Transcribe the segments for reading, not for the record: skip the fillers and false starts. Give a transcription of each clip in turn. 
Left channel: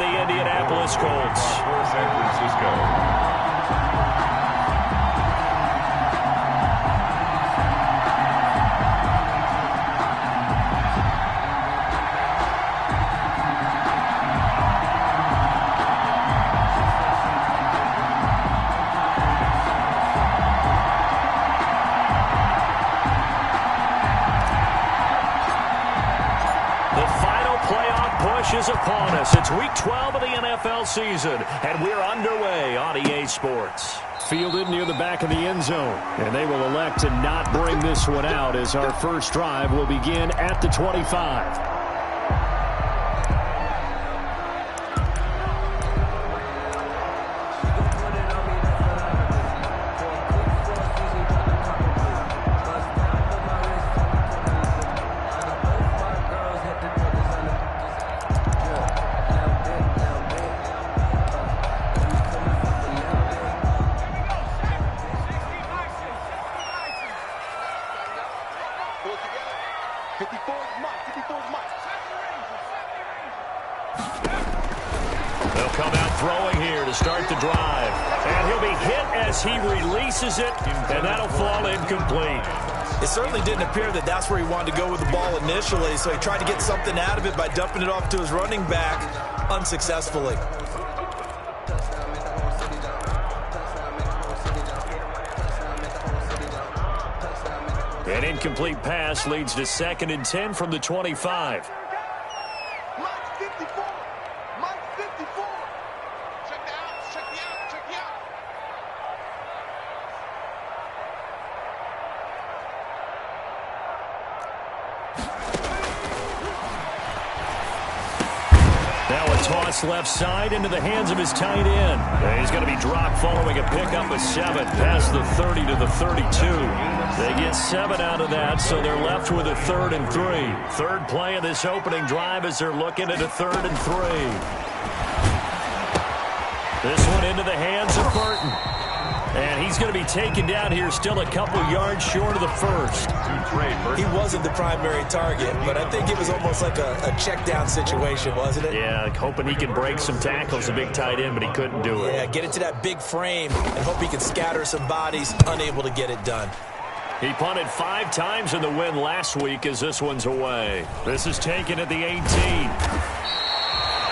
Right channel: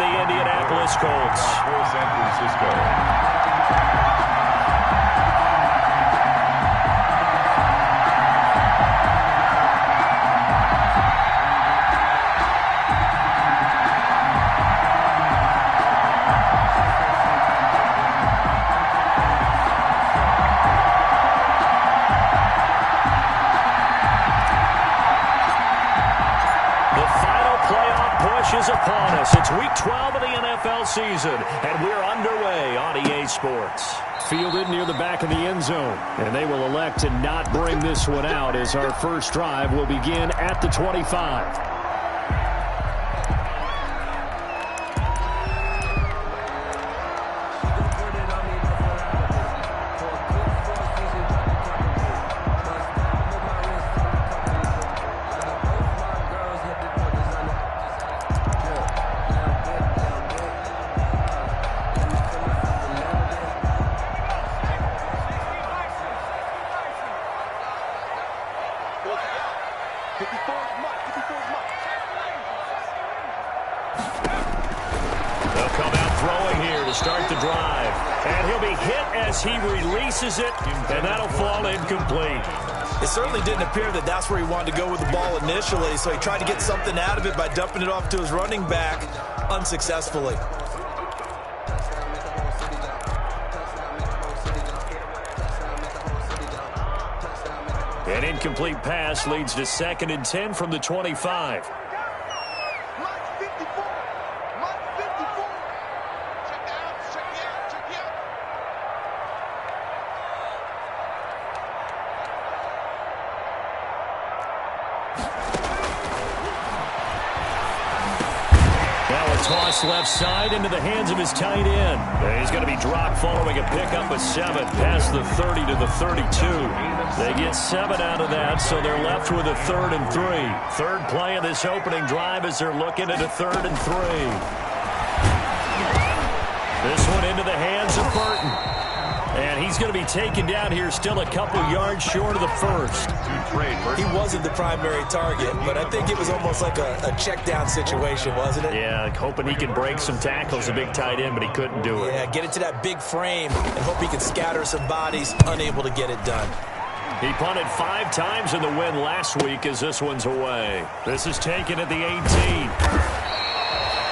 the Indianapolis Colts. For San Francisco. Is upon us. It's week 12 of the NFL season, and we're underway on EA Sports. Fielded near the back of the end zone, and they will elect to not bring this one out as our first drive will begin at the 25. They'll come out throwing here to start the drive. And he'll be hit as he releases it, and that'll fall incomplete. It certainly didn't appear that that's where he wanted to go with the ball initially, so he tried to get something out of it by dumping it off to his running back unsuccessfully. An incomplete pass leads to 2nd and 10 from the 25. Toss left side into the hands of his tight end. He's going to be dropped following a pickup of 7 past the 30 to the 32. They get 7 out of that, so they're left with a 3rd and 3. Third play of this opening drive as they're looking at a 3rd and 3. This one into the hands of Burton. And he's going to be taken down here still a couple yards short of the first. He wasn't the primary target, but I think it was almost like a check down situation, wasn't it? Yeah, hoping he can break some tackles, a big tight end, but he couldn't do it. Yeah, get it to that big frame and hope he can scatter some bodies, unable to get it done. He punted 5 times in the win last week as this one's away. This is taken at the 18.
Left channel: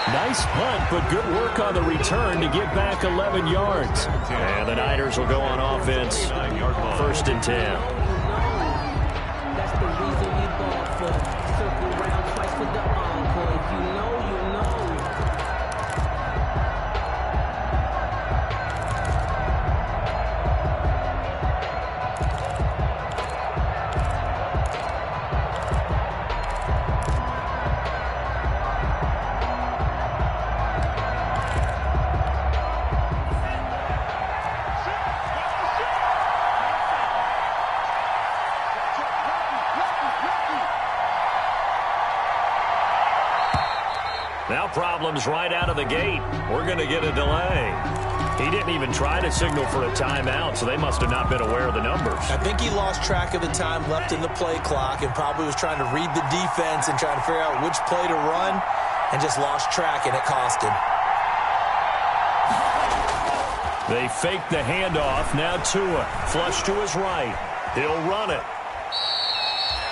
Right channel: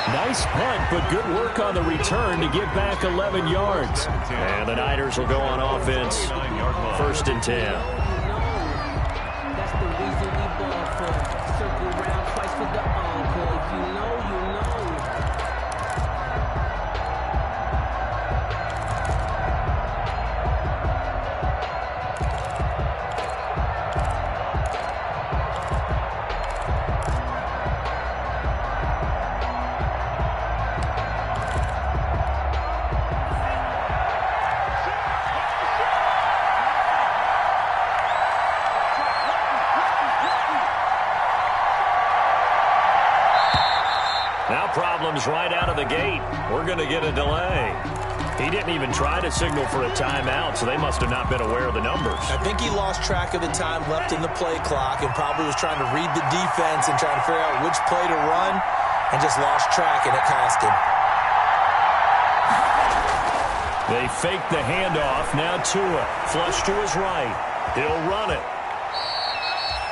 Nice punt, but good work on the return to get back 11 yards. And the Niners will go on offense. 1st and 10. That's the reason we ball for. Circle round twice for the encore. If you know, you know. Now problems right out of the gate. We're going to get a delay. He didn't even try to signal for a timeout, so they must have not been aware of the numbers. I think he lost track of the time left in the play clock and probably was trying to read the defense and trying to figure out which play to run and just lost track, and it cost him. They fake the handoff. Now Tua, flush to his right. He'll run it.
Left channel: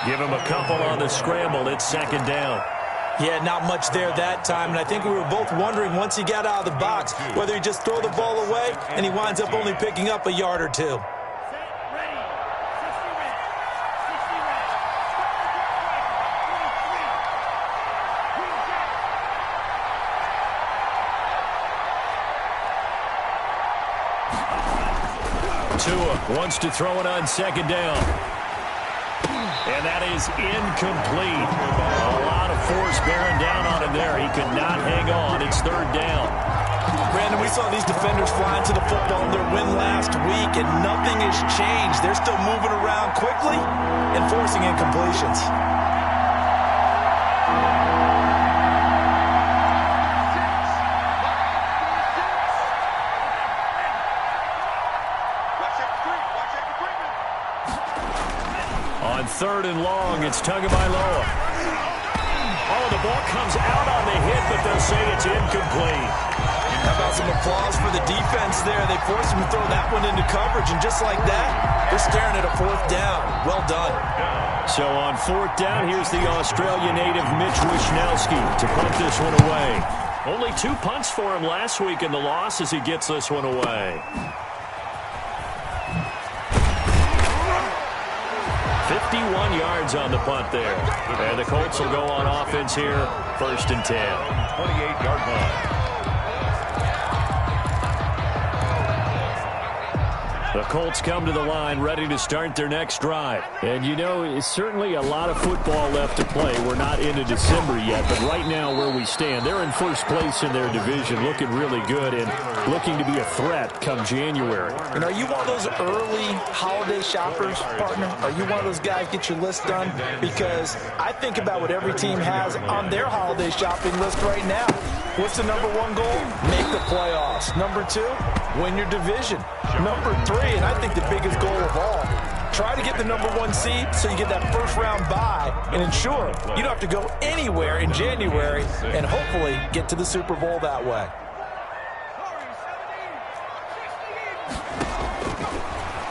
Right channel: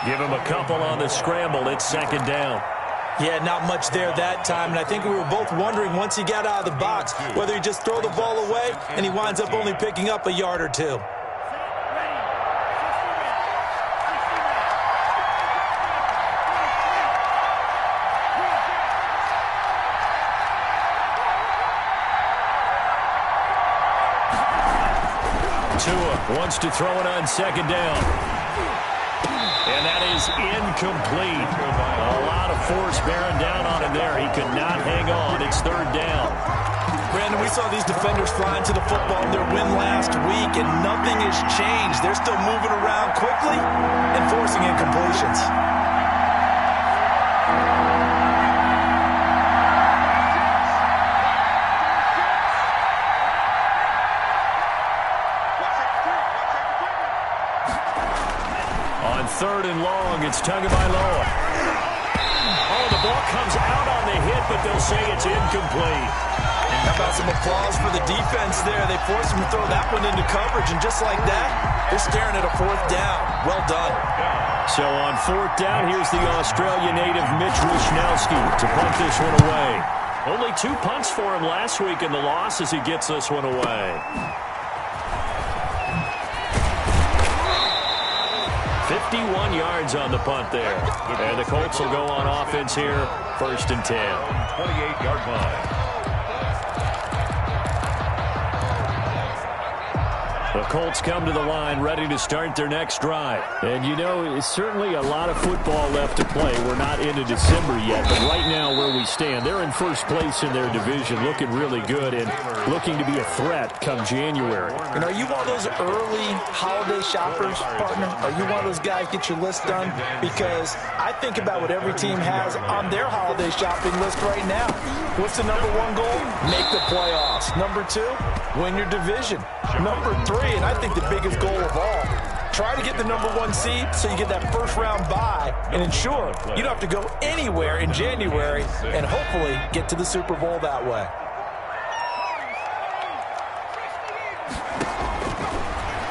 Give him a couple on the scramble. It's 2nd down. Yeah, not much there that time, and I think we were both wondering once he got out of the box whether he just throw the ball away and he winds up only picking up a yard or 2. Tua wants to throw it on 2nd down. And that is incomplete. A lot of force bearing down on him there. He could not hang on. It's 3rd down. Brandon, we saw these defenders flying to the football in their win last week, and nothing has changed. They're still moving around quickly and forcing incompletions. On 3rd and long, it's Tagovailoa. Oh, the ball comes out on the hit, but they'll say it's incomplete. How about some applause for the defense there? They forced him to throw that one into coverage, and just like that, they're staring at a fourth down. Well done. So on fourth down, here's the Australia native Mitch Wishnowski to punt this one away. Only 2 punts for him last week in the loss as he gets this one away. 51 yards on the punt there. And the Colts will go on offense here, 1st and 10. 28-yard line. The Colts come to the line ready to start their next drive. And, you know, it's certainly a lot of football left to play. We're not into December yet, but right now where we stand, they're in first place in their division, looking really good and looking to be a threat come January. And are you one of those early holiday shoppers, partner? Are you one of those guys get your list done? Because I think about what every team has on their holiday shopping list right now. What's the number 1 goal? Make the playoffs. Number 2, win your division. Number 3, and I think the biggest goal of all, try to get the number 1 seed so you get that first-round bye and ensure you don't have to go anywhere in January and hopefully get to the Super Bowl that way.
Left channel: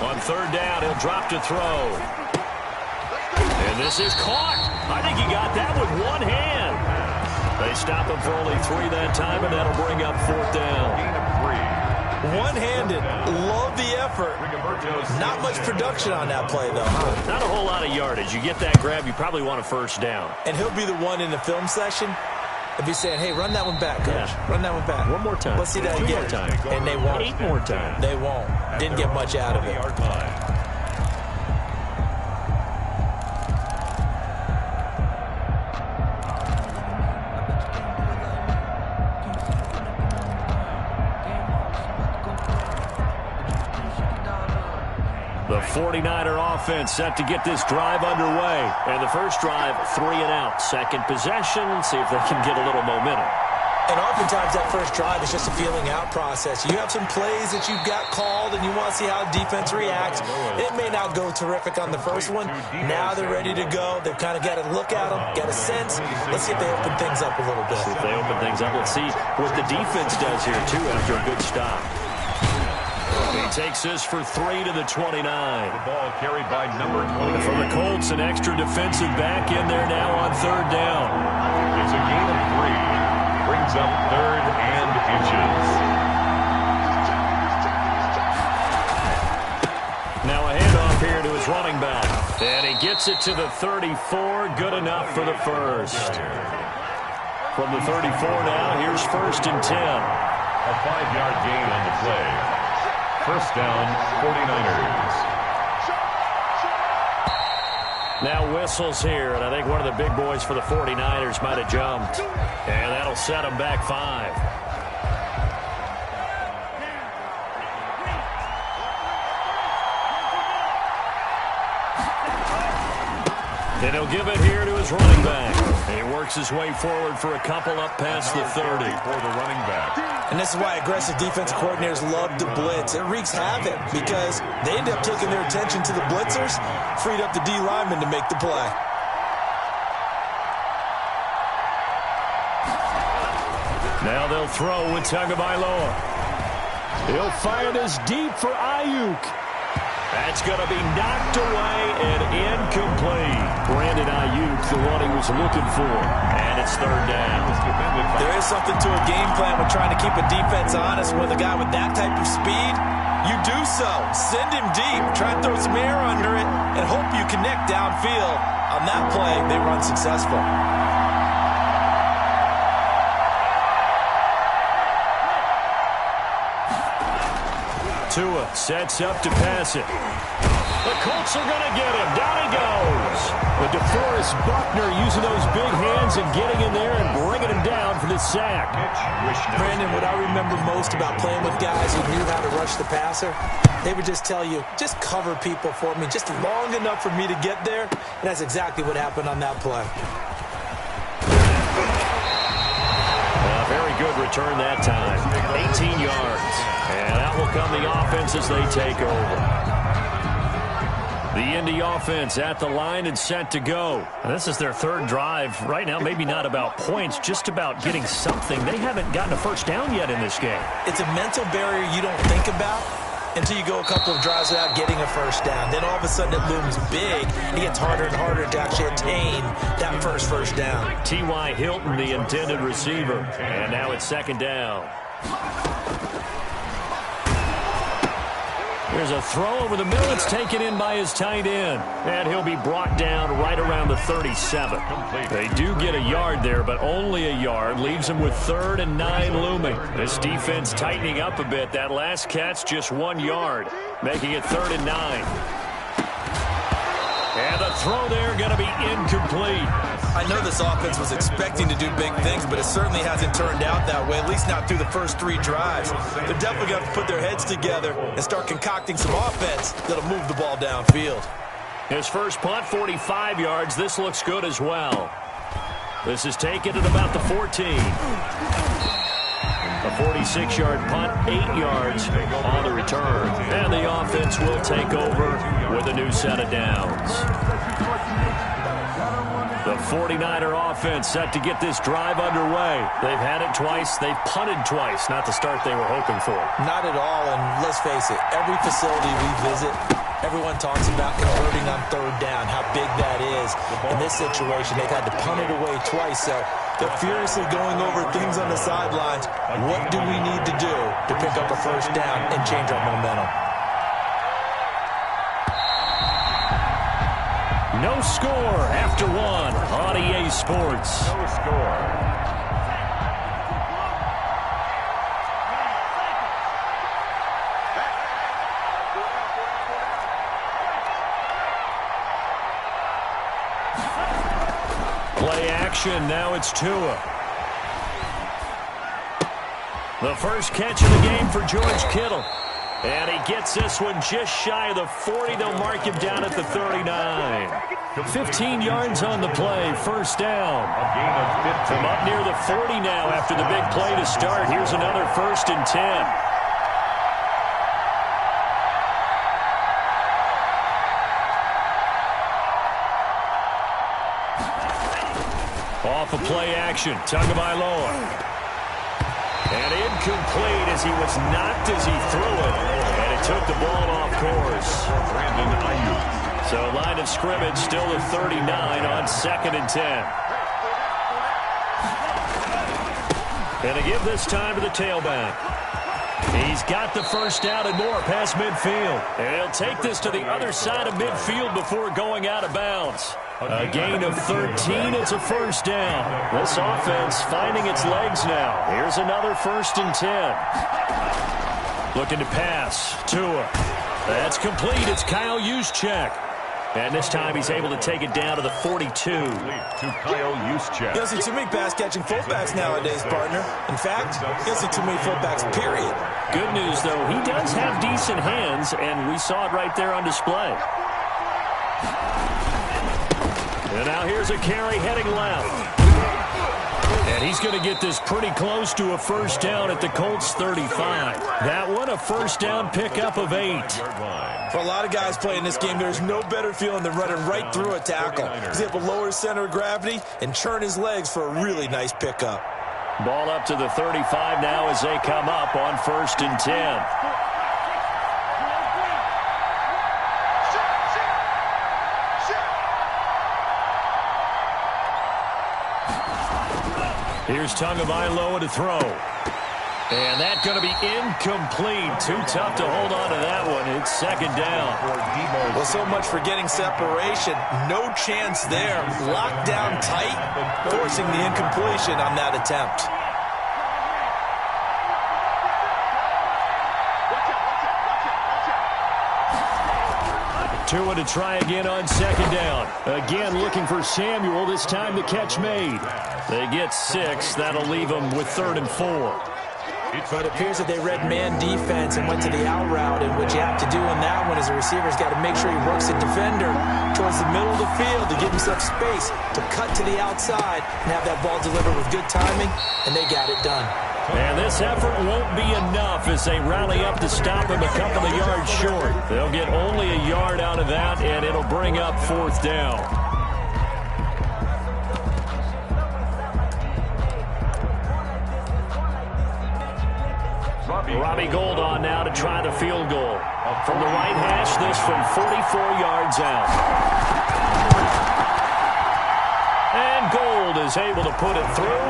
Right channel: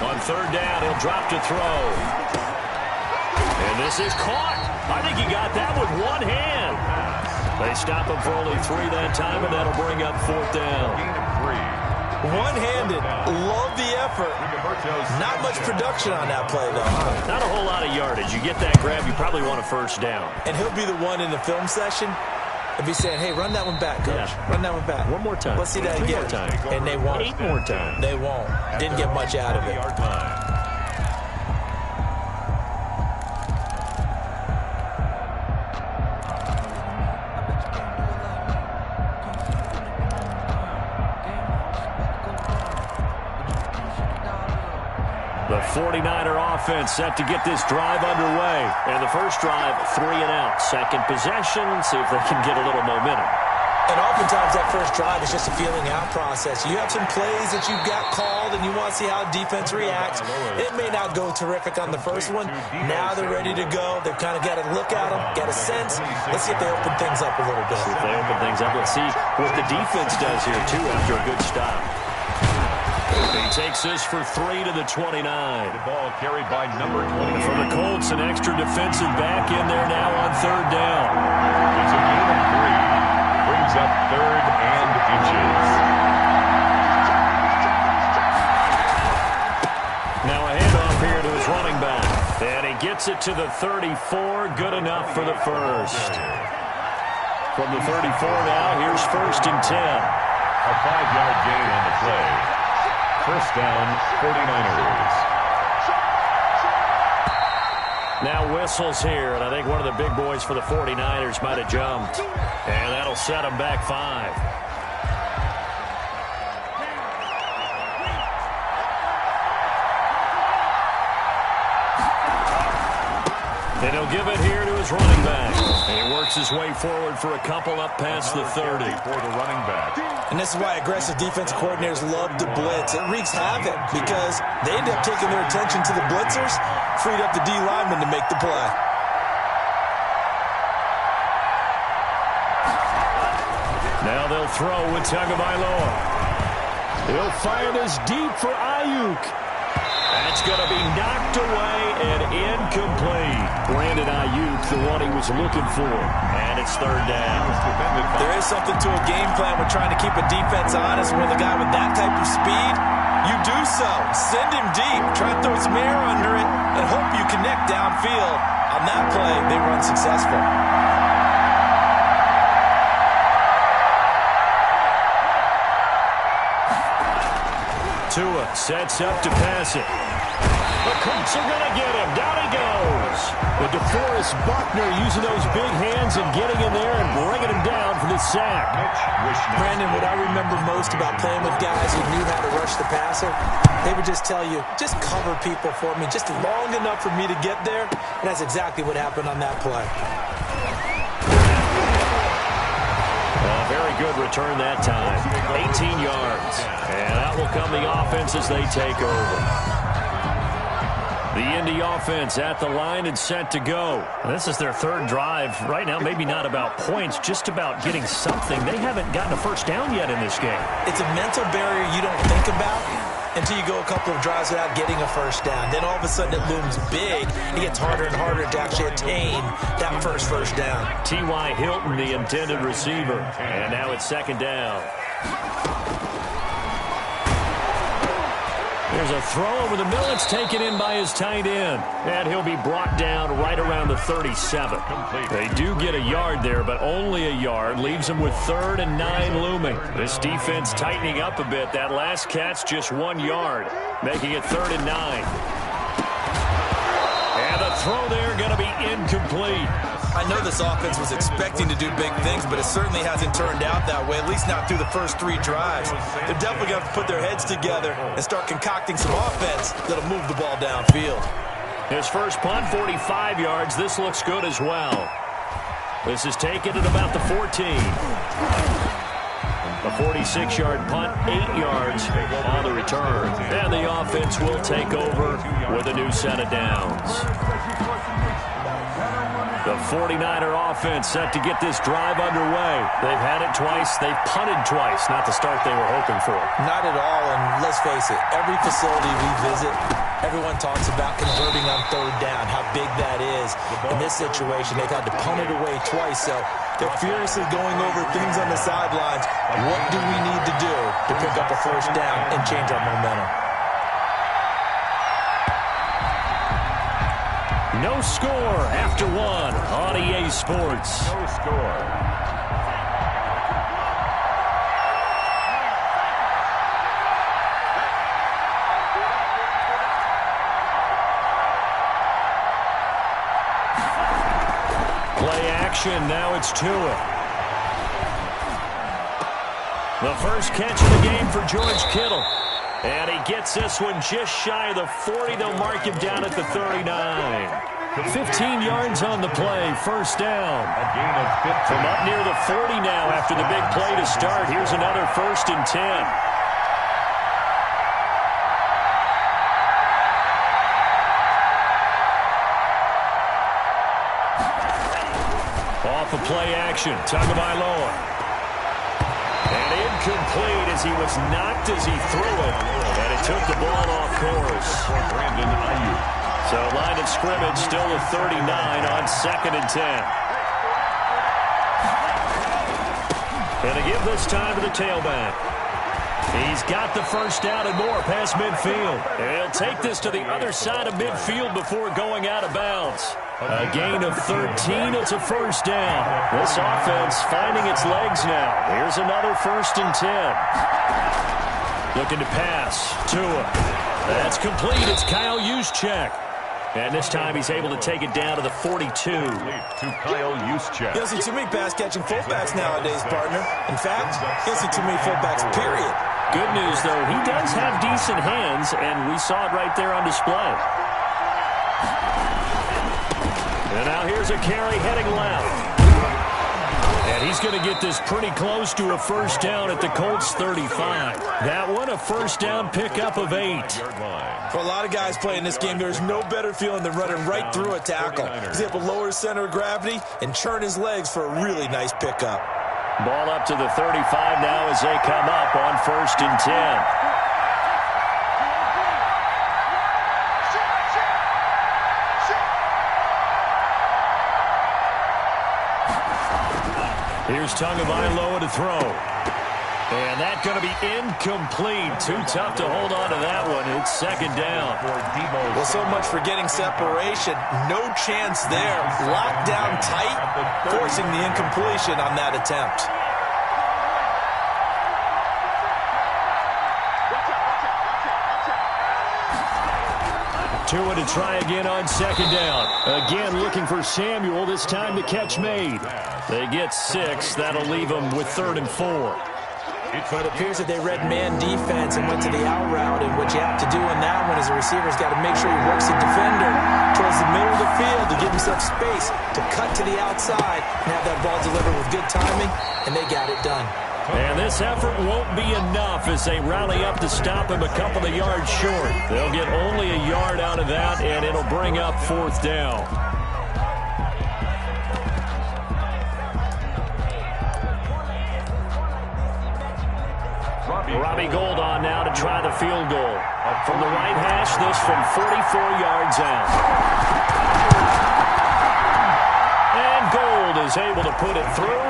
On third down, he'll drop to throw. And this is caught. I think he got that with one hand. They stop him for only 3 that time, and that'll bring up 4th down. Gain of 3. One-handed. Love the effort. Not much production on that play, though, huh? Not a whole lot of yardage. You get that grab, you probably want a 1st down. And he'll be the one in the film session and be saying, hey, run that one back, coach. Yeah. Run that one back. One more time. Let's see that 2 again. more times. And they won't. 8 more times. They won't. Didn't get much out of it. Yard line. The 49er offense set to get this drive underway. And the first drive, 3 and out. Second possession, see if they can get a little momentum. And oftentimes that first drive is just a feeling out process. You have some plays that you've got called and you want to see how defense reacts. It may not go terrific on the first one. Now they're ready to go. They've kind of got to look at them, get a sense. Let's see if they open things up a little bit. See if they open things up. Let's see what the defense does here, too, after a good stop. He takes this for 3 to the 29. The ball carried by number 28. For the Colts, an extra defensive back in there now on third down. It's a gain of 3. Brings up 3rd and inches. Now a handoff here to his running back. And he gets it to the 34. Good enough for the first. From the 34 now, here's 1st and 10. A 5-yard gain on the play. 1st down, 49ers. Now whistles here, and I think one of the big boys for the 49ers might have jumped. And that'll set them back 5. And he'll give it here to his running back. And he works his way forward for a couple up past the 30. For the running back. And this is why aggressive defensive coordinators love to blitz. It wreaks havoc because they end up taking their attention to the blitzers, freed up the D lineman to make the play. Now they'll throw with Tagovailoa. He'll fire this deep for Ayuk. That's going to be knocked away and incomplete. Brandon Ayuk, the one he was looking for. And it's 3rd down. There is something to a game plan with trying to keep a defense honest with a guy with that type of speed. You do so. Send him deep. Try to throw some air under it and hope you connect downfield. On that play, they run successful. Tua sets up to pass it. The Colts are going to get him. Down he goes. But DeForest Buckner using those big hands and getting in there and bringing him down for the sack. Brandon, what I remember most about playing with guys who knew how to rush the passer, they would just tell you, just cover people for me, just long enough for me to get there. And that's exactly what happened on that play. A very good return that time. 18 yards. And out will come the offense as they take over. The Indy offense at the line and set to go. This is their third drive. Right now, maybe not about points, just about getting something. They haven't gotten a first down yet in this game. It's a mental barrier you don't think about until you go a couple of drives without getting a first down. Then all of a sudden it looms big. It gets harder and harder to actually attain that first down. T.Y. Hilton, the intended receiver. And now it's second down. There's a throw over the middle. It's taken in by his tight end. And he'll be brought down right around the 37. They do get a yard there, but only a yard. Leaves them with 3rd and 9 looming. This defense tightening up a bit. That last catch just 1 yard, making it 3rd and 9. And the throw there going to be incomplete. I know this offense was expecting to do big things, but it certainly hasn't turned out that way, at least not through the first 3 drives. They're definitely going to put their heads together and start concocting some offense that'll move the ball downfield. His first punt, 45 yards. This looks good as well. This is taken at about the 14. A 46-yard punt, 8 yards on the return. And the offense will take over with a new set of downs. The 49er offense set to get this drive underway. They've had it twice. They've punted twice. Not the start they were hoping for. Not at all, and let's face it, every facility we visit, everyone talks about converting on 3rd down, how big that is. In this situation, they've had to punt it away twice, so they're furiously going over things on the sidelines. What do we need to do to pick up a first down and change our momentum? No score after 1 on EA Sports. No score. Play action. Now it's Tua. The first catch of the game for George Kittle. And he gets this one just shy of the 40. They'll mark him down at the 39. 15 yards on the play. First down. A gain of 15. From up near the 40 now after the big play to start. Here's another 1st and 10. Off of play action. Tagovailoa. And incomplete as he was knocked as he threw it. And it took the ball off course. For Brandon Ayuk. So line of scrimmage still the 39 on 2nd and 10. And to give this time to the tailback. He's got the first down and more past midfield. And he'll take this to the other side of midfield before going out of bounds. A gain of 13. It's a first down. This offense finding its legs now. Here's another 1st and 10. Looking to pass. Tua. That's complete. It's Kyle Juszczyk. And this time he's able to take it down to the 42. To Kyle Juszczyk. You don't see too many pass-catching fullbacks nowadays, partner. In fact, you don't see too many fullbacks, period. Good news, though, he does have decent hands, and we saw it right there on display. And now here's a carry heading left. And he's going to get this pretty close to a first down at the Colts 35. That one, a first down pickup of 8. For a lot of guys playing this game, there's no better feeling than running right through a tackle. He's able to lower his center of gravity and churn his legs for a really nice pickup. Ball up to the 35 now as they come up on 1st and 10. Here's Tagovailoa to throw. And that's going to be incomplete. Too tough to hold on to that one. It's 2nd down. Well, so much for getting separation. No chance there. Locked down tight, forcing the incompletion on that attempt. Tua to try again on 2nd down. Again looking for Samuel. This time the catch made. They get 6. That'll leave them with 3rd and 4. But it appears that they read man defense and went to the out route, and what you have to do on that one is the receiver's got to make sure he works the defender towards the middle of the field to give himself space to cut to the outside and have that ball delivered with good timing, and they got it done. And this effort won't be enough as they rally up to stop him a couple of yards short. They'll get only a yard out of that, and it'll bring up 4th down. Robbie Gould on now to try the field goal. From the right hash, this from 44 yards out. And Gould is able to put it through.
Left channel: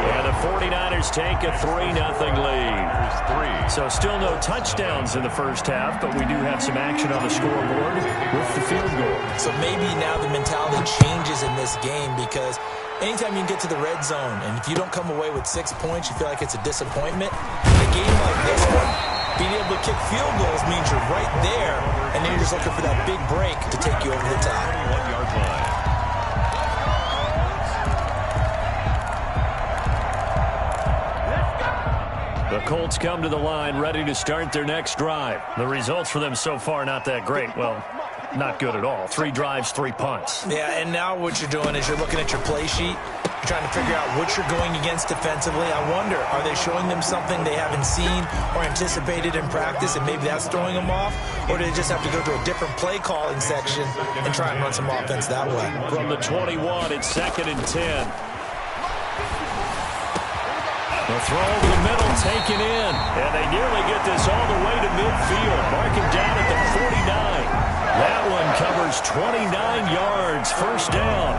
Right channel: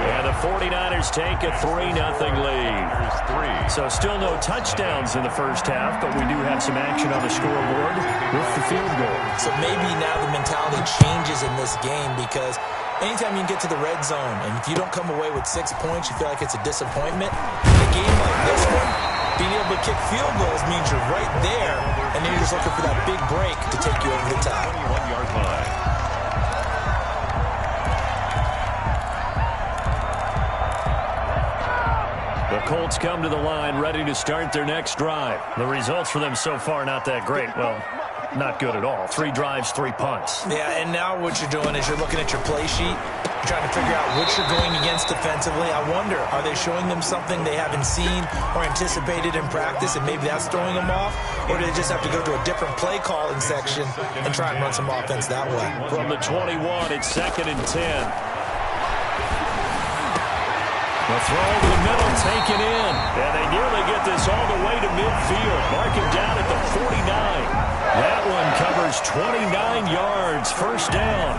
And the 49ers take a 3-0 lead. So still no touchdowns in the first half, but we do have some action on the scoreboard with the field goal. So maybe now the mentality changes in this game because anytime you can get to the red zone, and if you don't come away with 6 points, you feel like it's a disappointment. In a game like this one, being able to kick field goals means you're right there, and then you're just looking for that big break to take you over the top. 21-yard line. The Colts come to the line ready to start their next drive. The results for them so far not that great. Well, not good at all. 3 drives, 3 punts. Yeah, and now what you're doing is you're looking at your play sheet. You're trying to figure out what you're going against defensively. I wonder, are they showing them something they haven't seen or anticipated in practice, and maybe that's throwing them off? Or do they just have to go to a different play calling section and try and run some offense that way? From the 21, it's 2nd and 10. The throw over the middle, taken in. And they nearly get this all the way to midfield. Mark him down at the 49. That one covers 29 yards. 1st down.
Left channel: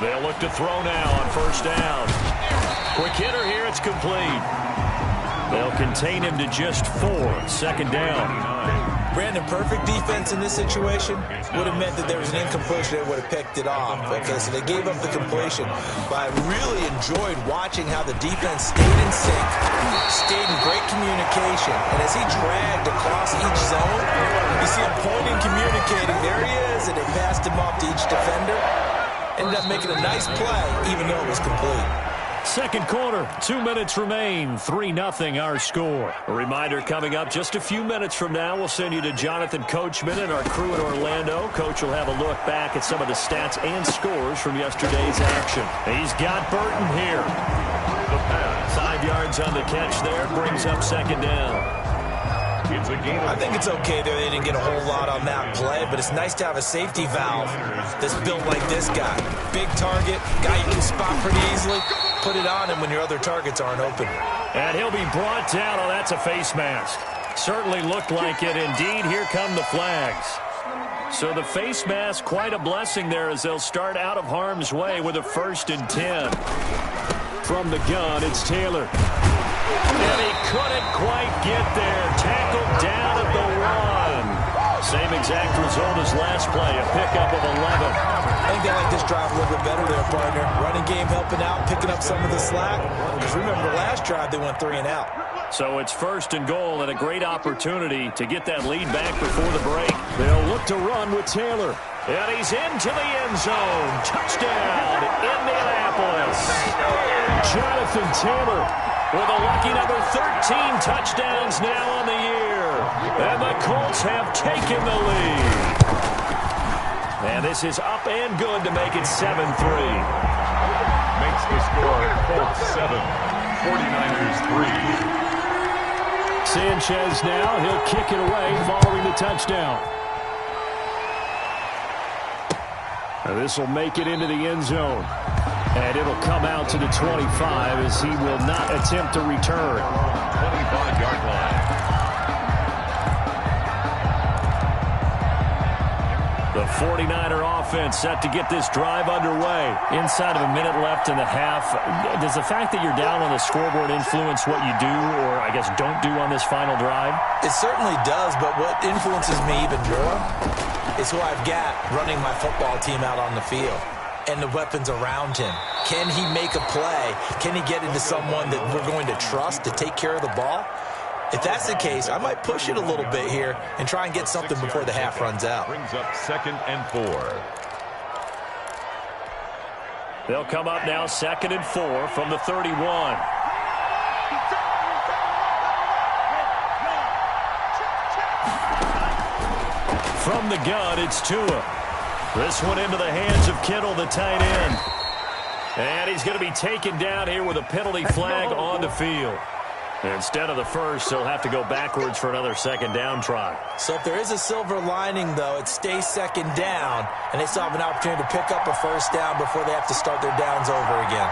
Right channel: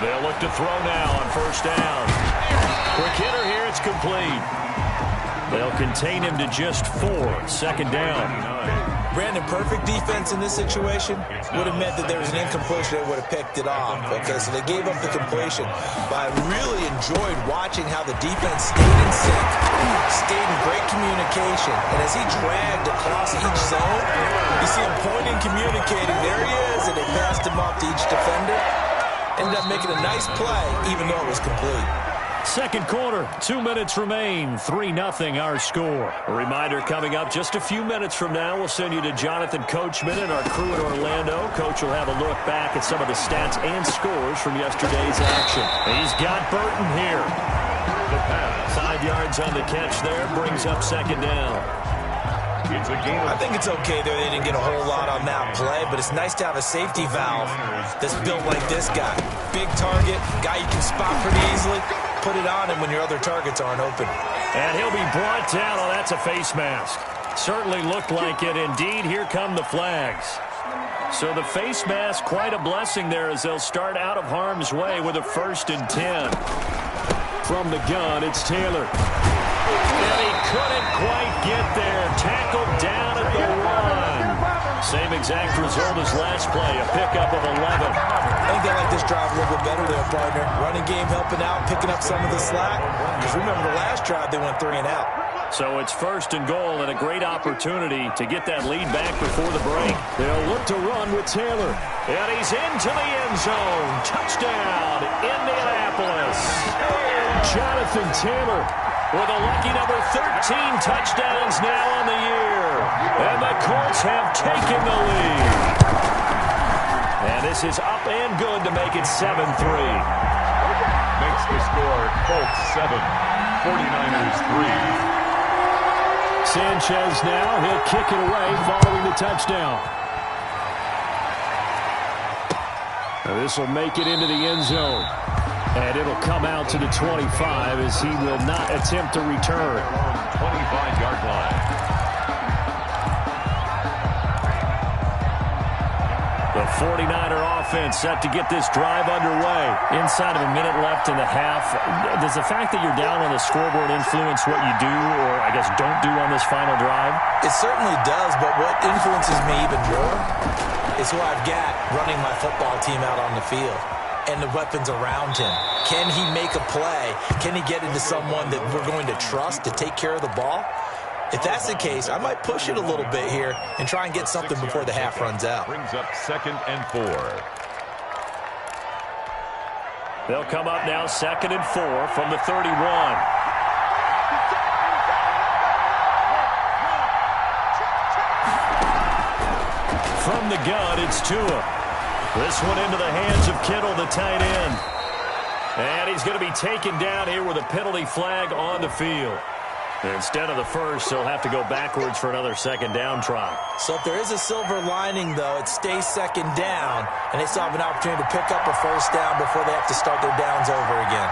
They'll look to throw now on 1st down. Quick hitter here, it's complete. They'll contain him to just 4. 2nd down. Brandon, perfect defense in this situation would have meant that there was an incompletion. They would have picked it off. Okay, so they gave up the completion. But I really enjoyed watching how the defense stayed in sync, stayed in great communication. And as he dragged across each zone, you see him pointing, communicating. There he is, and they passed him off to each defender. Ended up making a nice play, even though it was complete. 2nd quarter, 2 minutes remain, 3-0 our score. A reminder coming up just a few minutes from now, we'll send you to Jonathan Coachman and our crew in Orlando. Coach will have a look back at some of the stats and scores from yesterday's action. He's got Burton here. The pass. 5 yards on the catch there, brings up 2nd down. It's a game. I think it's okay there. They didn't get a whole lot on that play, but it's nice to have a safety valve that's built like this guy. Big target, guy you can spot pretty easily. Put it on him when your other targets aren't open. And he'll be brought down. Oh, that's a face mask. Certainly looked like it. Indeed, here come the flags. So the face mask, quite a blessing there as they'll start out of harm's way with a 1st and 10. From the gun, it's Taylor. And he couldn't quite get there. Tackled down at the 1. Same exact result as last play, a pickup of 11. I think they like this drive a little bit better there, partner. Running game helping out, picking up some of the slack. Because remember, the last drive they went 3 and out. So it's 1st and goal and a great opportunity to get that lead back before the break. They'll look to run with Taylor. And he's into the end zone. Touchdown, Indianapolis. Jonathan Taylor with a lucky number 13 touchdowns now on the year. And the Colts have taken the lead. And this is up and good to make it 7-3. Makes the score Colts 7, 49ers 3. Sanchez now, he'll kick it away following the touchdown. This will make it into the end zone. And it'll come out to the 25 as he will not attempt to return. 25-yard line. The 49er offense set to get this drive underway. Inside of a minute left in the half. Does the fact that you're down on the scoreboard influence what you do or, I guess, don't do on this final drive? It certainly does, but what influences me even more is who I've got running my football team out on the field and the weapons around him. Can he make a play? Can he get into someone that we're going to trust to take care of the ball? If that's the case, I might push it a little bit here and try and get something before the half runs out. Brings up 2nd and 4. They'll come up now 2nd and 4 from the 31. From the gun, it's Tua. This one into the hands of Kittle, the tight end. And he's going to be taken down here with a penalty flag on the field. Instead of the first, he'll have to go backwards for another second down try. So if there is a silver lining, though, it stays second down, and they still have an opportunity to pick up a first down before they have to start their downs over again.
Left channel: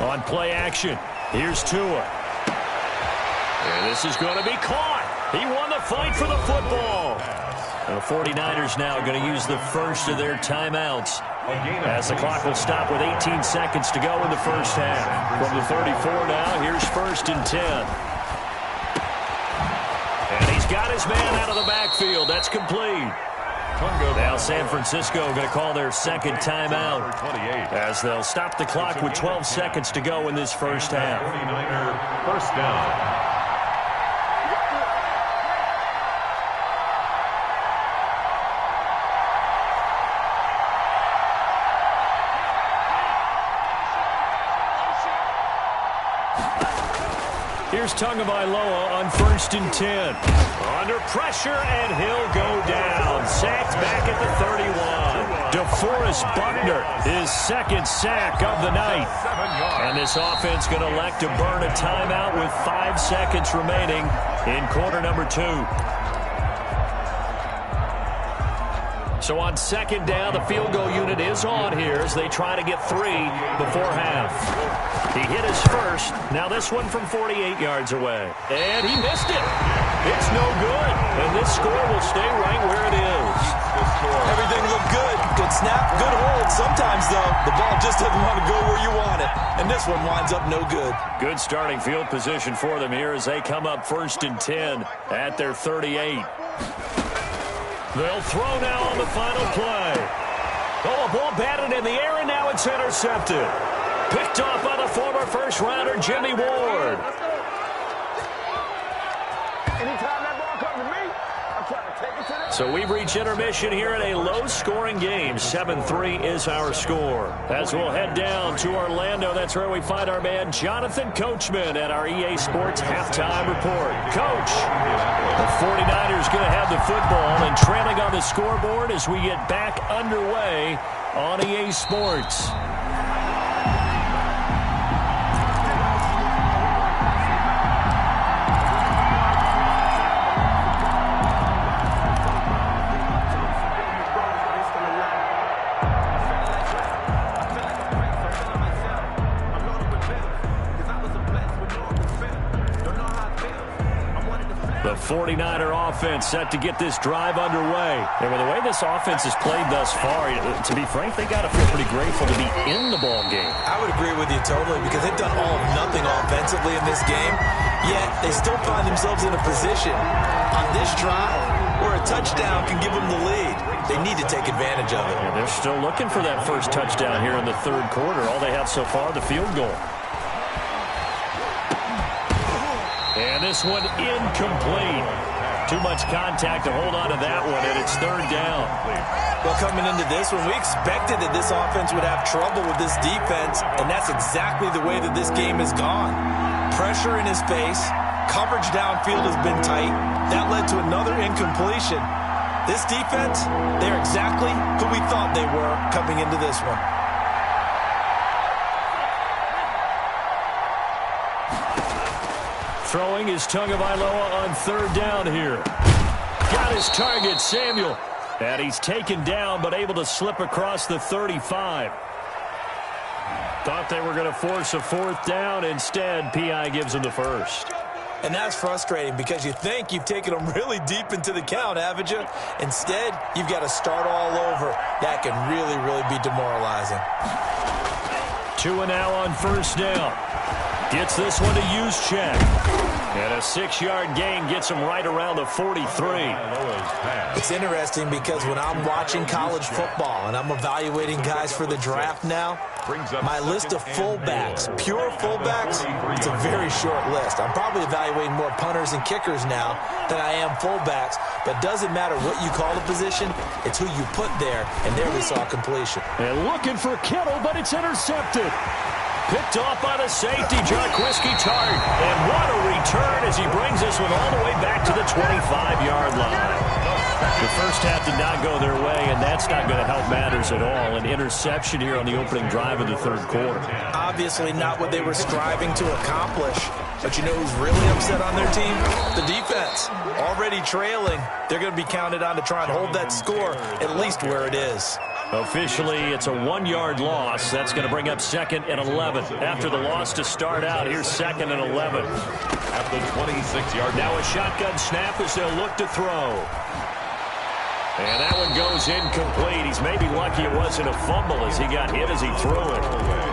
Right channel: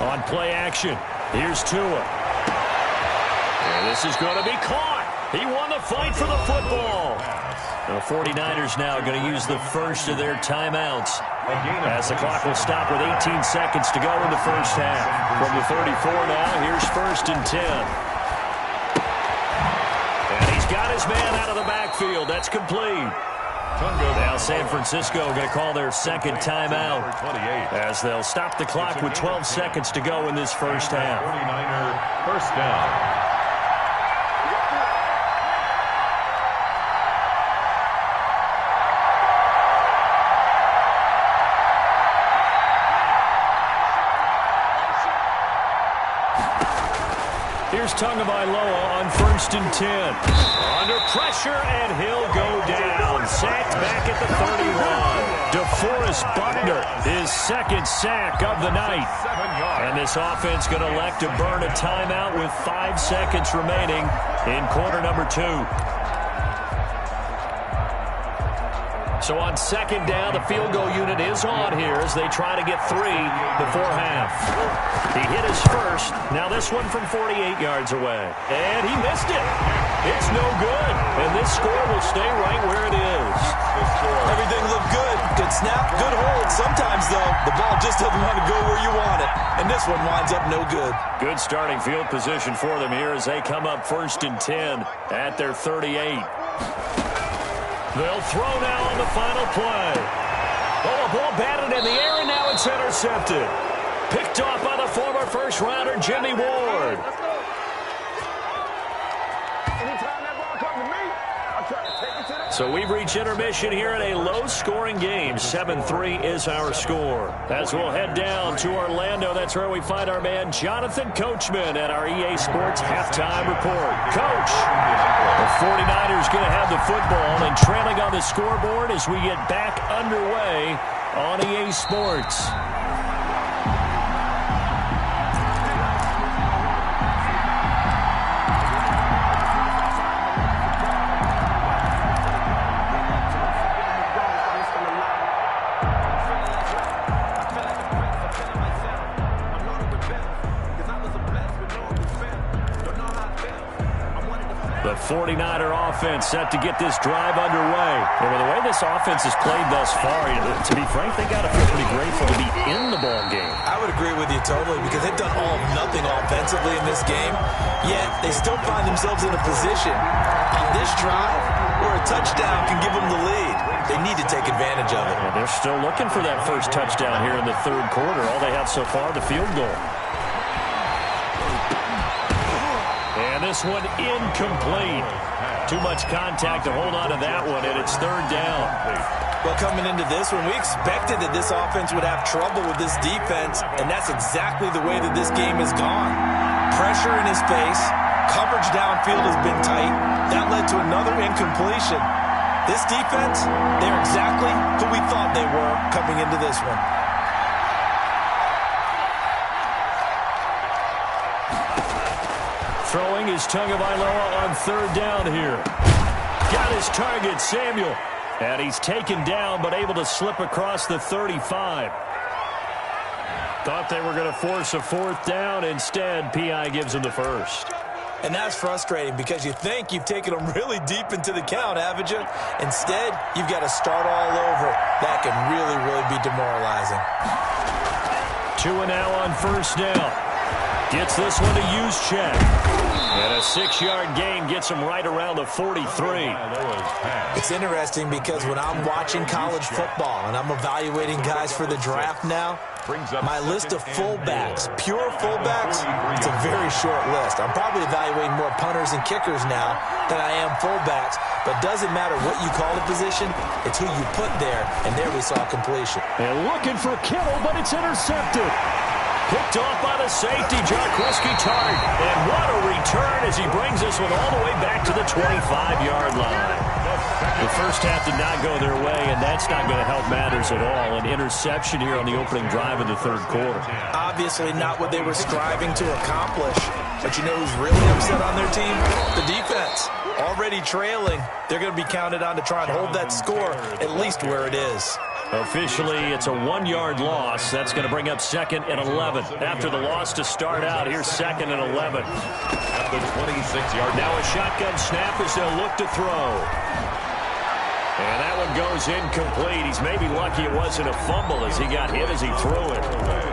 On play action, here's Tua. And this is going to be caught. He won the fight for the football. And the 49ers now going to use the first of their timeouts as the clock will stop with 18 seconds to go in the first half. From the 34 now, here's 1st and 10. And he's got his man out of the backfield. That's complete. Now San Francisco going to call their second timeout as they'll stop the clock with 12 seconds to go in this first half. 49er first down. Here's Tagovailoa on 1st and 10. Under pressure, and he'll go down. Sacked back at the 31. DeForest Buckner, his second sack of the night. And this offense going to elect to burn a timeout with 5 seconds remaining in quarter number 2. So on second down, the field goal unit is on here as they try to get 3 before half. He hit his first. Now this one from 48 yards away. And he missed it. It's no good. And this score will stay right where it is. Everything looked good. Good snap, good hold. Sometimes, though, the ball just doesn't want to go where you want it. And this one winds up no good. Good starting field position for them here as they come up 1st and 10 at their 38. They'll throw now on the final play. Oh, a ball batted in the air, and now it's intercepted. Picked off by the former first-rounder, Jimmy Ward. Anytime that ball comes to me, I'm trying to take it to the... So we've reached intermission here in a low-scoring game. 7-3 is our score. As we'll head down to Orlando, that's where we find our man Jonathan Coachman at our EA Sports Halftime Report. Coach, the 49ers going to have the football and trailing on the scoreboard as we get back underway on EA Sports. The 49er offense set to get this drive underway. And with the way this offense has played thus far, to be frank, they got to feel pretty grateful to be in the ball game. I would agree with you totally because they've done all of nothing offensively in this game, yet they still find themselves in a position on this drive where a touchdown can give them the lead. They need to take advantage of it. And they're still looking for that first touchdown here in the third quarter. All they have so far, the field goal. And this one incomplete. Too much contact to hold on to that one, and it's third down. Well, coming into this one, we expected that this offense would have trouble with this defense, and that's exactly the way that this game has gone. Pressure in his face, coverage downfield has been tight. That led to another incompletion. This defense, they're exactly who we thought they were coming into this one. Throwing is Tagovailoa on third down here. Got his target, Samuel. And he's taken down, but able to slip across the 35. Thought they were going to force a fourth down. Instead, P.I. gives him the first. And that's frustrating because you think you've taken them really deep into the count, haven't you? Instead, you've got to start all over. That can really, really be demoralizing. Tua now on first down. Gets this one to Juszczyk. And a 6-yard gain gets him right around the 43. It's interesting because when I'm watching college football and I'm evaluating guys for the draft now, my list of fullbacks, pure fullbacks, it's a very short list. I'm probably evaluating more punters and kickers now than I am fullbacks, but doesn't matter what you call the position, it's who you put there, and there we saw completion. And looking for Kittle, but it's intercepted. Picked off by the safety, Jarquiski Tart. And what a return as he brings this one all the way back to the 25-yard line. The first half did not go their way, and that's not going to help matters at all. An interception here on the opening drive of the third quarter. Obviously not what they were striving to accomplish. But you know who's really upset on their team? The defense. Already trailing, they're going to be counted on to try and hold that score at least where it is. Officially, it's a 1-yard loss. That's going to bring up 2nd and 11. After the loss to start out, here's 2nd and 11. At the 26-yard. Now a shotgun snap as they'll look to throw. And that one goes incomplete. He's maybe lucky it wasn't a fumble as he got hit as he threw it.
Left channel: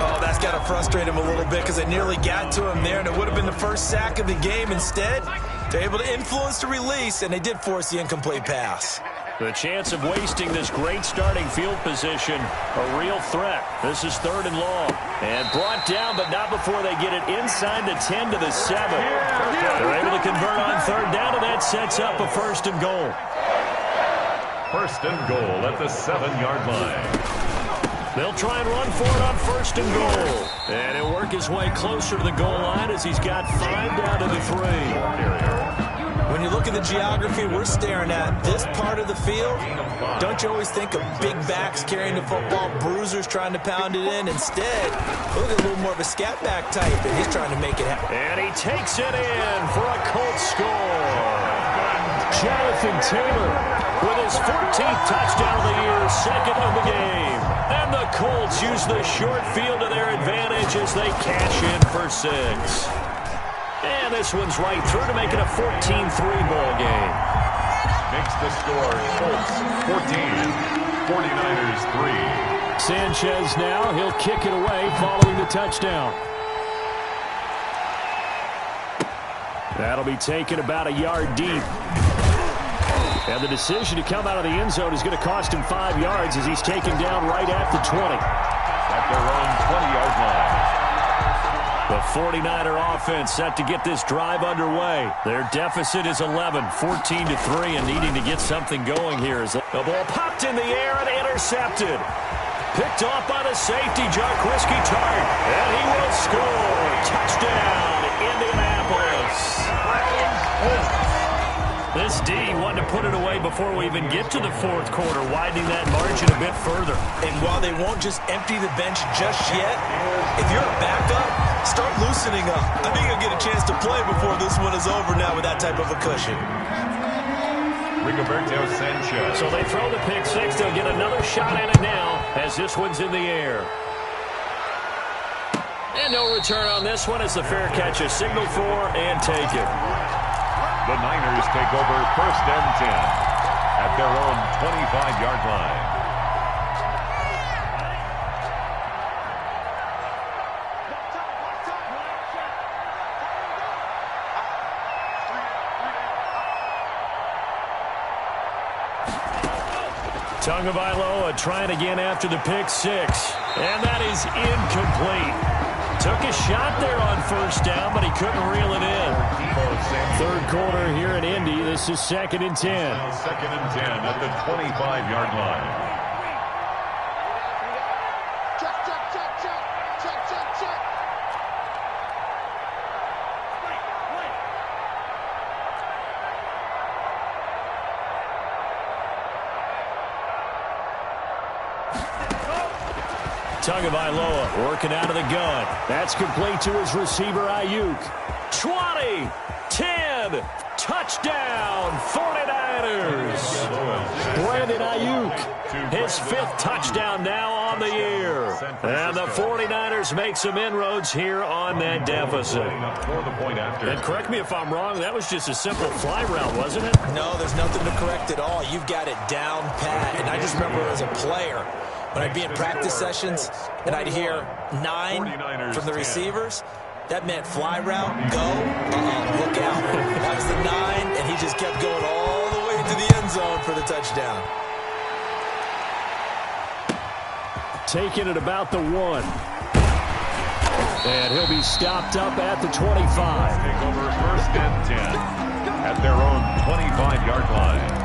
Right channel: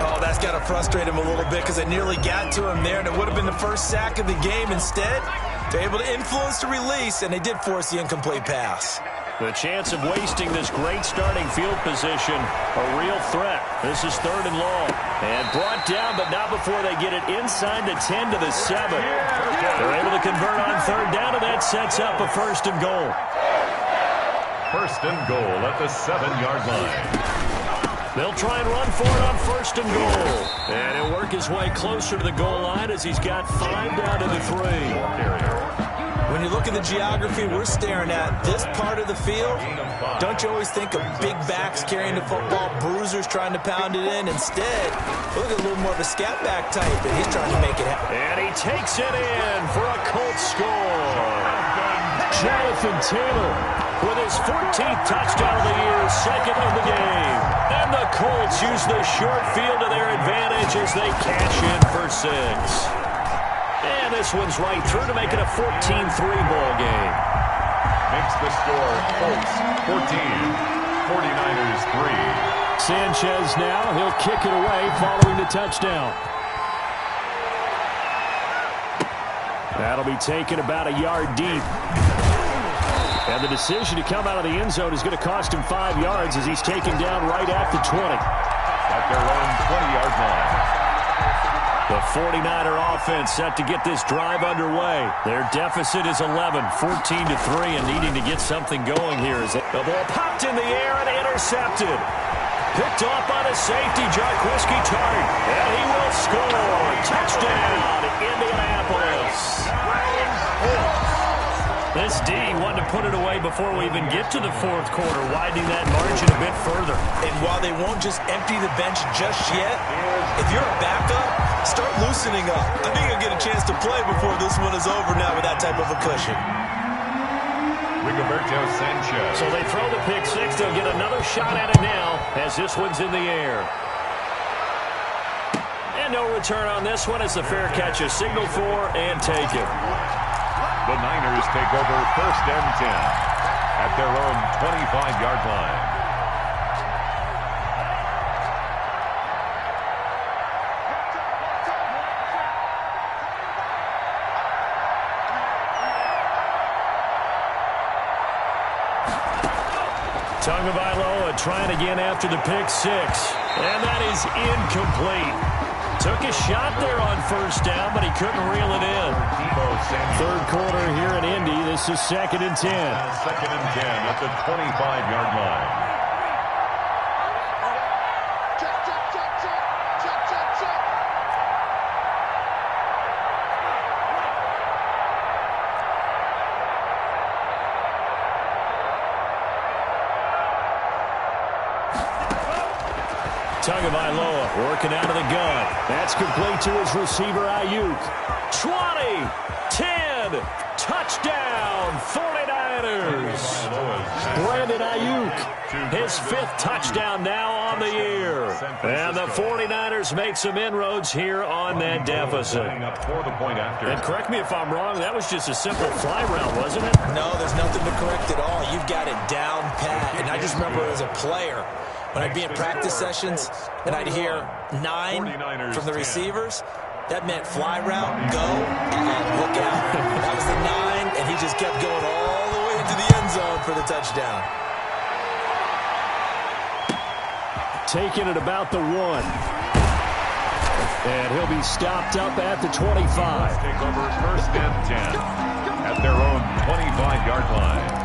Oh, that's got to frustrate him a little bit because they nearly got to him there, and it would have been the first sack of the game. Instead, they're able to influence the release, and they did force the incomplete pass. The chance of wasting this great starting field position, a real threat. This is 3rd and long. And brought down, but not before they get it inside the 10 to the 7. They're able to convert on 3rd down, and that sets up a 1st and goal. 1st and goal at the 7-yard line. They'll try and run for it on 1st and goal. And he'll work his way closer to the goal line as he's got 5 down to the 3. When you look at the geography we're staring at, this part of the field, don't you always think of big backs carrying the football, bruisers trying to pound it in? Instead, look at a little more of a scat back type, and he's trying to make it happen. And he takes it in for a Colts score. Jonathan Taylor with his 14th touchdown of the year, 2nd of the game. And the Colts use the short field to their advantage as they cash in for 6. And this one's right through to make it a 14-3 ball game. Makes the score Colts 14, 49ers 3. Sanchez now, he'll kick it away following the touchdown. That'll be taken about a yard deep. And the decision to come out of the end zone is going to cost him 5 yards as he's taken down right at the 20. At their own 20-yard line. The 49er offense set to get this drive underway. Their deficit is 11, 14-3, and needing to get something going here. As the ball popped in the air and intercepted. Picked off by the safety, Jarquiski Tart. And he will score. Touchdown, Indianapolis. This D wanted to put it away before we even get to the 4th quarter, widening that margin a bit further. And while they won't just empty the bench just yet, if you're a backup, start loosening up. I think you'll get a chance to play before this one is over now with that type of a cushion. Rigoberto Sanchez. So they throw the pick 6. They'll get another shot at it now as this one's in the air. And no return on this one as the fair catch is signaled for and taken. The Niners take over 1st and 10 at their own 25-yard line. Tagovailoa trying again after the pick 6. And that is incomplete. Took a shot there on 1st down, but he couldn't reel it in. 3rd quarter here in Indy. This is 2nd and 10. 2nd and 10 at the 25-yard line. Tagovailoa working out of the gun. That's complete to his receiver, Ayuk. 20, 10, touchdown, 49ers. Brandon Ayuk, his 5th touchdown now on the year. And the 49ers make some inroads here on that deficit. And correct me if I'm wrong, that was just a simple fly route, wasn't it? No, there's nothing to correct at all. You've got it down pat. And I just remember as a player, when I'd be in practice sessions and I'd hear 9 from the receivers, That meant fly route, go, look out. That was the 9, and he just kept going all the way into the end zone for the touchdown. Taking it about the 1. And he'll be stopped up at the 25. Take over first and 10 at their own 25-yard line.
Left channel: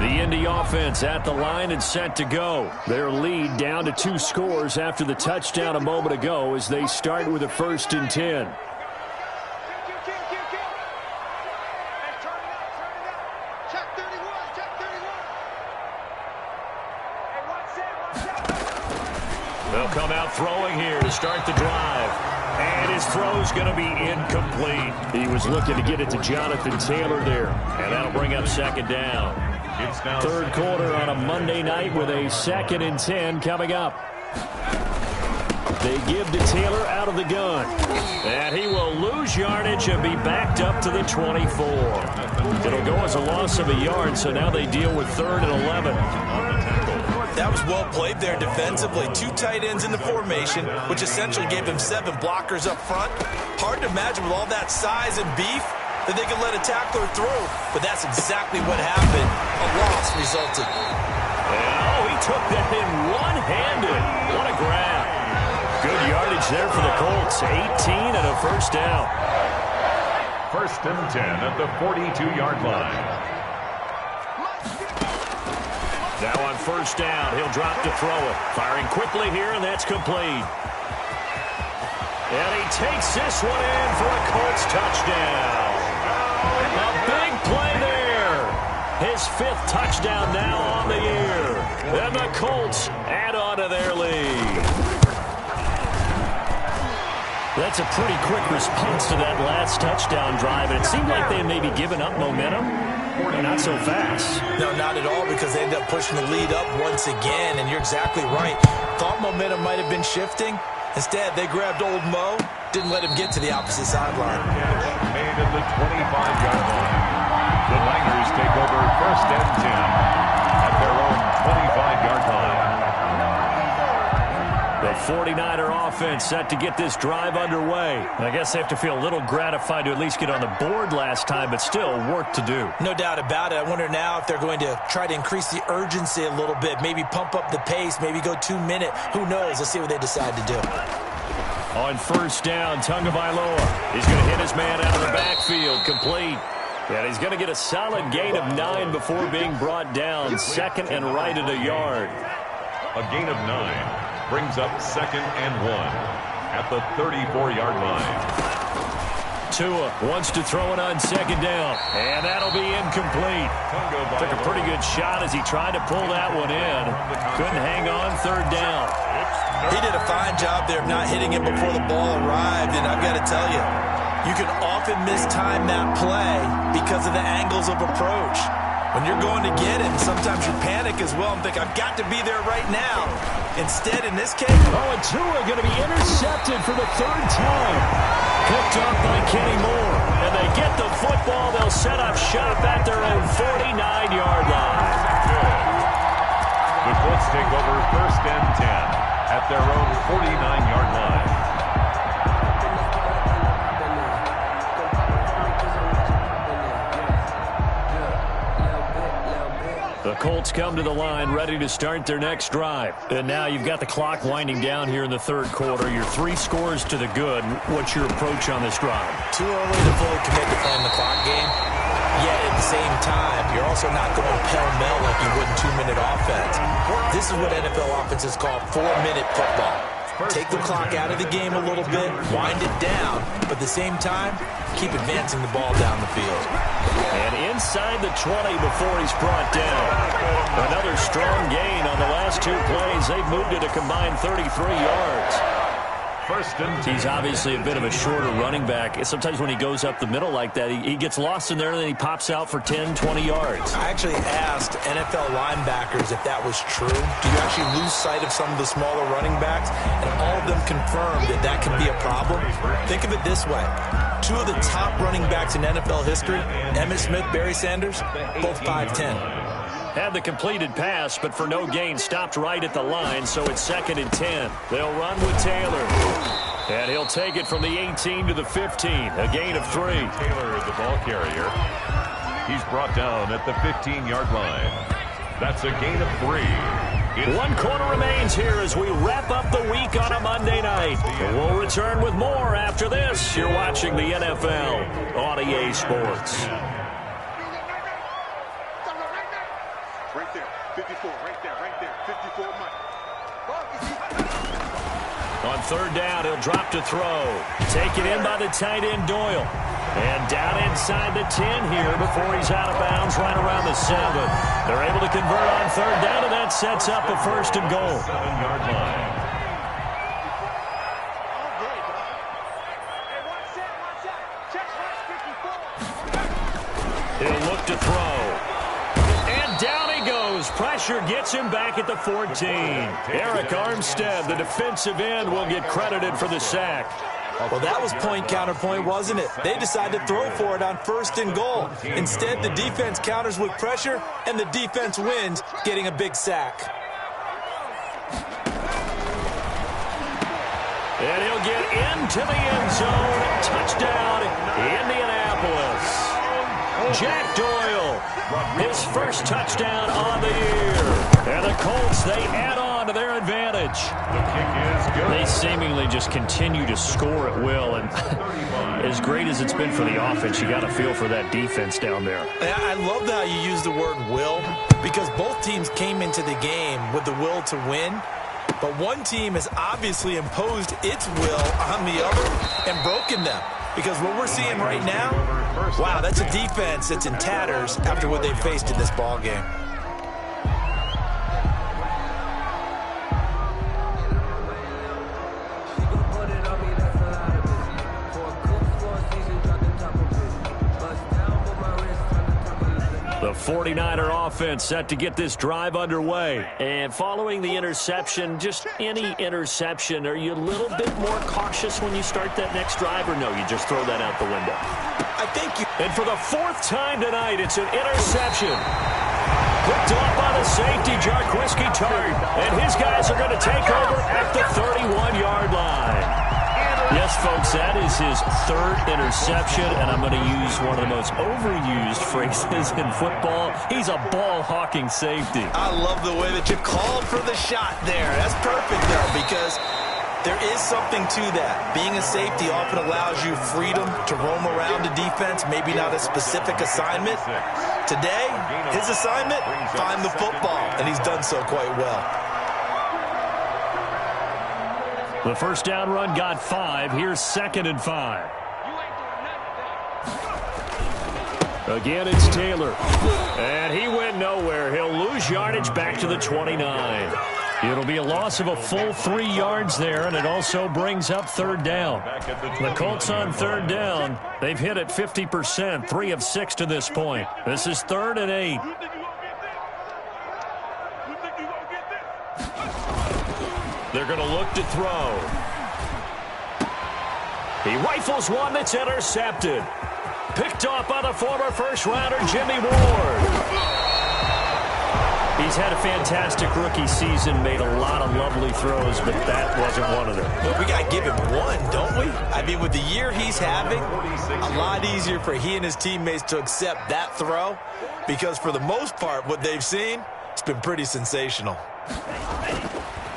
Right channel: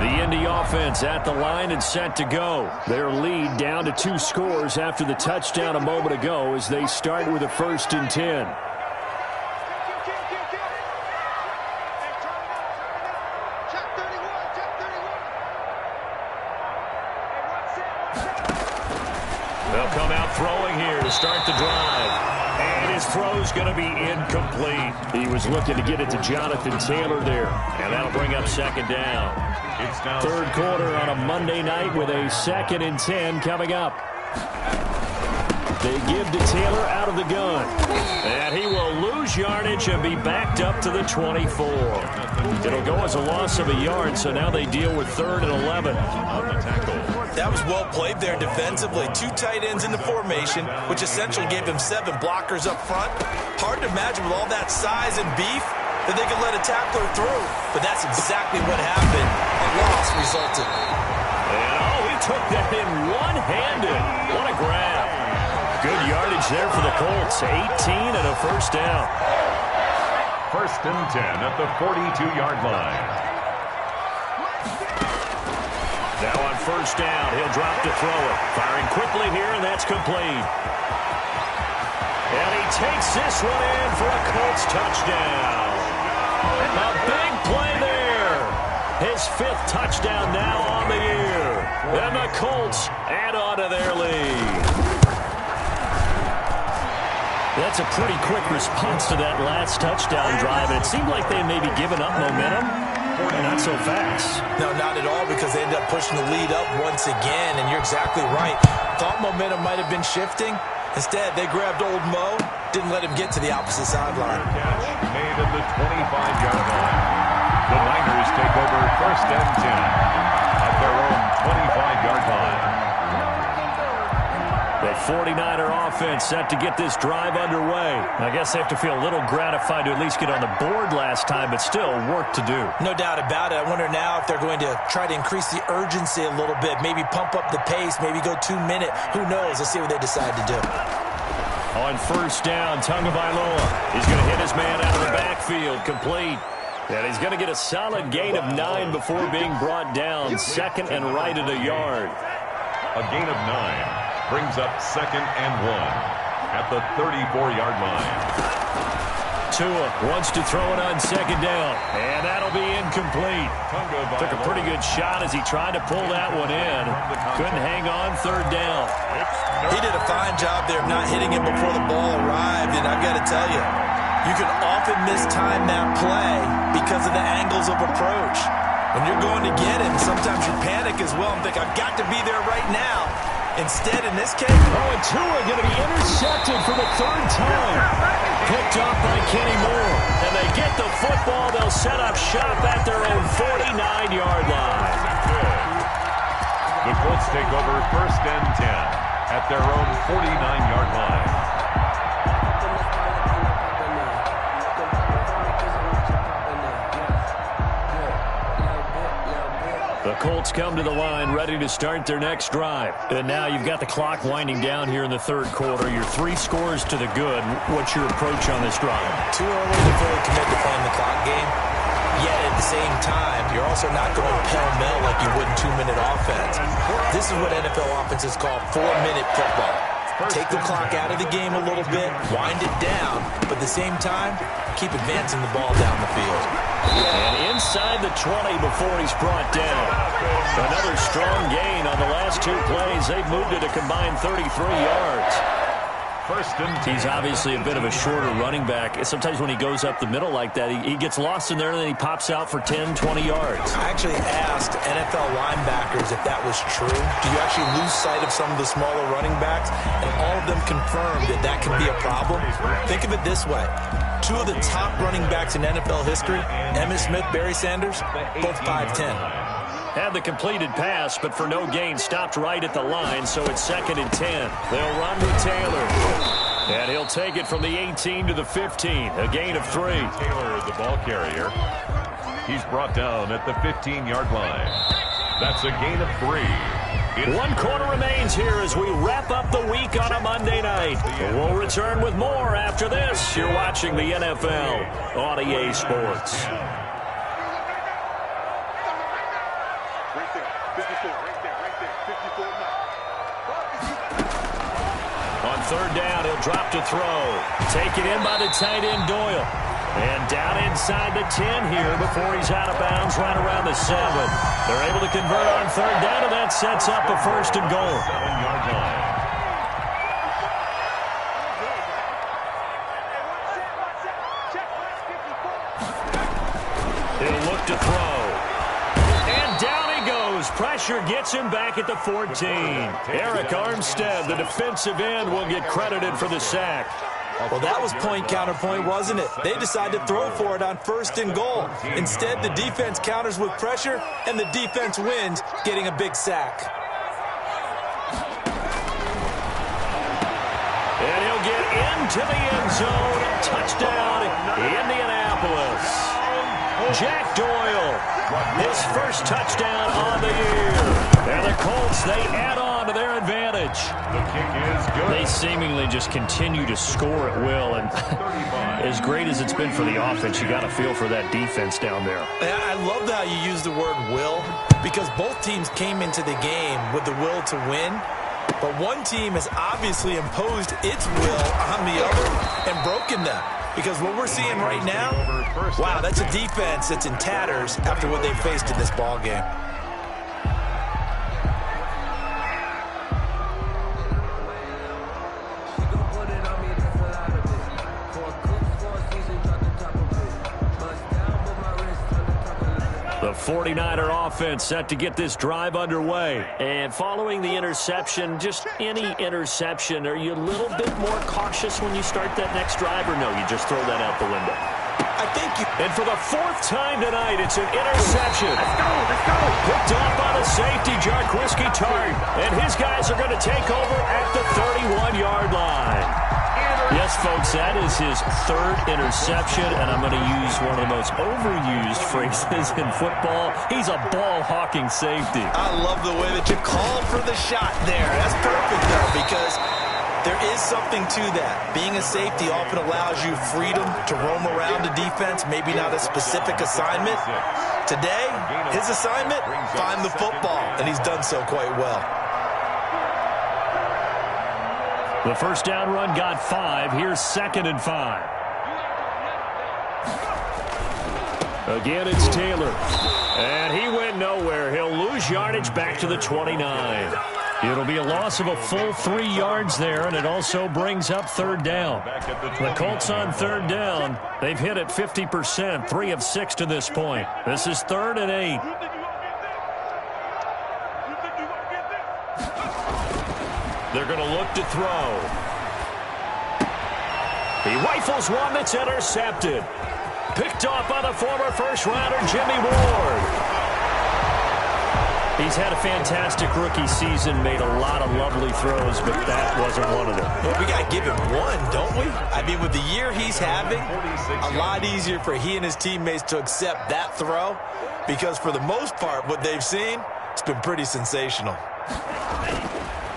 The Indy offense at the line and set to go. Their lead down to 2 scores after the touchdown a moment ago as they start with a 1st and 10. They'll come out throwing here to start the drive. And his throw's going to be incomplete. He was looking to get it to Jonathan Taylor there. And that'll bring up 2nd down. It's now 3rd quarter on a Monday night with a 2nd and 10 coming up. They give to Taylor out of the gun. And he will lose yardage and be backed up to the 24. It'll go as a loss of a yard, so now they deal with 3rd and 11. on the tackle. That was well played there defensively. 2 tight ends in the formation, which essentially gave him 7 blockers up front. Hard to imagine with all that size and beef that they could let a tackler through. But that's exactly what happened. A loss resulted. And, he took that in one-handed. What a grab. Good yardage there for the Colts. 18 and a 1st down. 1st and 10 at the 42-yard line. Now on 1st down, he'll drop to throw it. Firing quickly here, and that's complete. And he takes this one in for a Colts touchdown. A big play there. His 5th touchdown now on the year. And the Colts add on to their lead. That's a pretty quick response to that last touchdown drive, and it seemed like they may be giving up momentum. Not so fast. No, not at all, because they ended up pushing the lead up once again, and you're exactly right. Thought momentum might have been shifting. Instead, they grabbed old Mo, didn't let him get to the opposite sideline. Catch made at the 25-yard line. The Niners take over 1st and 10 at their own 25-yard line. The 49er offense set to get this drive underway. I guess they have to feel a little gratified to at least get on the board last time, but still work to do. No doubt about it. I wonder now if they're going to try to increase the urgency a little bit, maybe pump up the pace, maybe go 2-minute. Who knows? Let's see what they decide to do. On 1st down, Tagovailoa. He's going to hit his man out of the backfield, complete. And he's going to get a solid gain of 9 before being brought down. 2nd and right at a yard. A gain of 9 brings up 2nd and 1 at the 34-yard line. Tua wants to throw it on 2nd down, and that'll be incomplete. Took a pretty good shot as he tried to pull that one in. Couldn't hang on 3rd down. He did a fine job there of not hitting him before the ball arrived, and I've got to tell you, you can often mistime that play because of the angles of approach. When you're going to get him, sometimes you panic as well and think, I've got to be there right now. Instead, in this case... and Tua going to be intercepted for the 3rd time. Picked up by Kenny Moore. And they get the football. They'll set up shop at their own 49-yard line. The Colts take over 1st and 10 at their own 49-yard line. The Colts come to the line ready to start their next drive. And now you've got the clock winding down here in the 3rd quarter. You're 3 scores to the good. What's your approach on this drive? Too early to fully commit to playing the clock game. Yet at the same time, you're also not going pell-mell like you would in 2-minute offense. This is what NFL offenses call 4-minute football. Take the clock out of the game a little bit, wind it down, but at the same time, keep advancing the ball down the field. And inside the 20 before he's brought down. Another strong gain on the last 2 plays. They've moved it a combined 33 yards. 1st and 10. He's obviously a bit of a shorter running back. Sometimes when he goes up the middle like that, he gets lost in there and then he pops out for 10, 20 yards. I actually asked NFL linebackers if that was true. Do you actually lose sight of some of the smaller running backs? And all of them confirmed that that can be a problem. Think of it this way. 2 of the top running backs in NFL history, Emmitt Smith, Barry Sanders, both 5'10". Had the completed pass, but for no gain, stopped right at the line, so it's 2nd and 10. They'll run with Taylor. And he'll take it from the 18 to the 15, a gain of 3. Taylor, the ball carrier. He's brought down at the 15-yard line. That's a gain of 3. One quarter remains here as we wrap up the week on a Monday night. We'll return with more after this. You're watching the NFL on EA Sports. Right there, 54, right there, 54, Mike. On 3rd down, he'll drop to throw. Taken in by the tight end, Doyle. And down inside the 10 here before he's out of bounds right around the 7. They're able to convert on 3rd down, and that sets up a 1st and goal. 7-yard line. He'll look to throw. And down he goes. Pressure gets him back at the 14. Eric Armstead, the defensive end, will get credited for the sack. Well, that was point counterpoint, wasn't it? They decided to throw for it on 1st and goal. Instead, the defense counters with pressure, and the defense wins, getting a big sack. And he'll get into the end zone. Touchdown, Indianapolis. Jack Doyle, his first touchdown on the year. And the Colts, they add on to their advantage. The kick is good. They seemingly just continue to score at will. And as great as it's been for the offense, you got to feel for that defense down there. I love how you use the word will, because both teams came into the game with the will to win. But one team has obviously imposed its will on the other and broken them. Because what we're seeing right now, wow, that's a defense that's in tatters after what they faced in this ball game. The 49er offense set to get this drive underway. And following the interception, just any interception, are you a little bit more cautious when you start that next drive, or no, you just throw that out the window? I think you... And for the 4th time tonight, it's an interception. Picked off by the safety, Jarquiski Tart. And his guys are going to take over at the 31-yard line. Yes, folks, that is his 3rd interception, and I'm going to use one of the most overused phrases in football. He's a ball-hawking safety. I love the way that you called for the shot there. That's perfect, though, because there is something to that. Being a safety often allows you freedom to roam around the defense, maybe not a specific assignment. Today, his assignment, find the football, and he's done so quite well. The 1st down run got 5. Here's 2nd and 5. Again, it's Taylor. And he went nowhere. He'll lose yardage back to the 29. It'll be a loss of a full 3 yards there, and it also brings up 3rd down. The Colts on 3rd down, they've hit it 50%, 3 of 6 to this point. This is 3rd and 8. They're going to look to throw. He rifles one that's intercepted. Picked off by the former first-rounder, Jimmy Ward. He's had a fantastic rookie season, made a lot of lovely throws, but that wasn't one of them. Well, we got to give him one, don't we? I mean, with the year he's having, a lot easier for he and his teammates to accept that throw, because for the most part, what they've seen, it's been pretty sensational.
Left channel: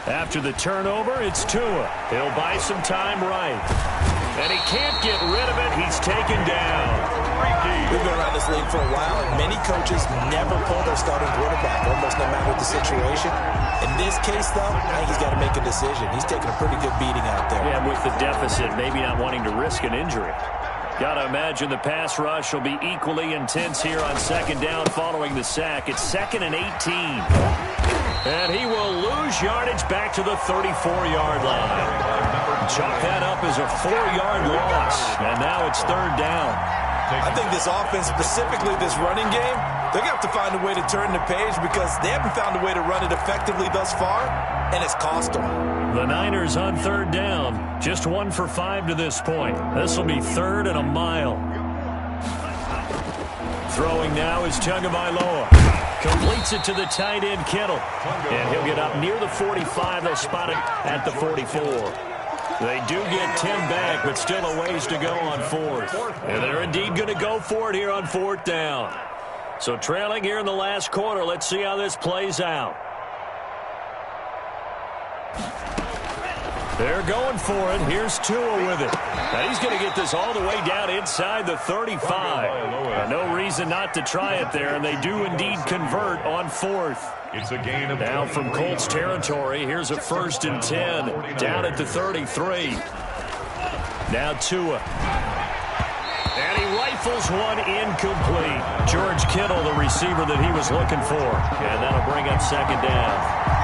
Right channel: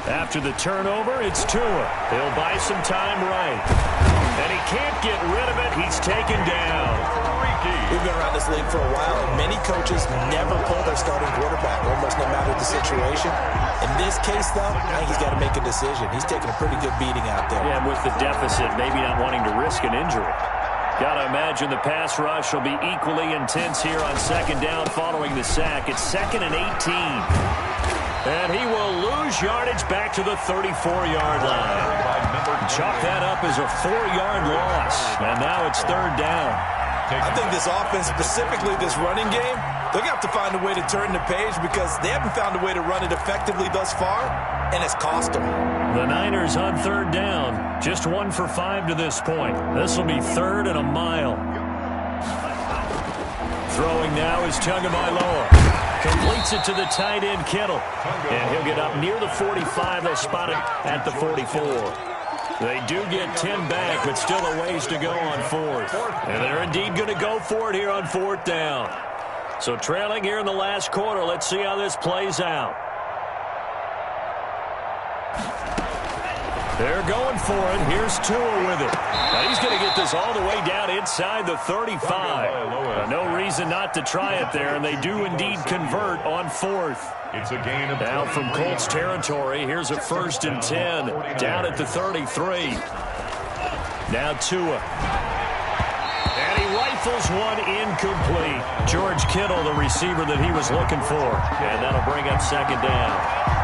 After the turnover, it's Tua. He'll buy some time right. And he can't get rid of it. He's taken down. We've been around this league for a while, and many coaches never pull their starting quarterback, almost no matter the situation. In this case, though, I think he's got to make a decision. He's taking a pretty good beating out there. Yeah, with the deficit, maybe not wanting to risk an injury. Got to imagine the pass rush will be equally intense here on 2nd down following the sack. It's 2nd and 18. And he will lose yardage back to the 34-yard line. Chalk that up as a 4-yard loss. And now it's 3rd down. I think this offense, specifically this running game, they're going to have to find a way to turn the page because they haven't found a way to run it effectively thus far, and it's cost them. The Niners on 3rd down. Just 1 for 5 to this point. This will be 3rd and a mile. Throwing now is Tagovailoa. Completes it to the tight end, Kittle. And he'll get up near the 45. They'll spot it at the 44. They do get 10 back, but still a ways to go on fourth. And they're indeed going to go for it here on fourth down. So trailing here in the last quarter. Let's see how this plays out. They're going for it. Here's Tua with it. Now he's going to get this all the way down inside the 35. No reason not to try it there, and they do indeed convert on fourth. It's a gain of now from Colts territory, here's a 1st and 10 down at the 33. Now Tua. And he rifles one incomplete. George Kittle, the receiver that he was looking for. And that'll bring up 2nd down.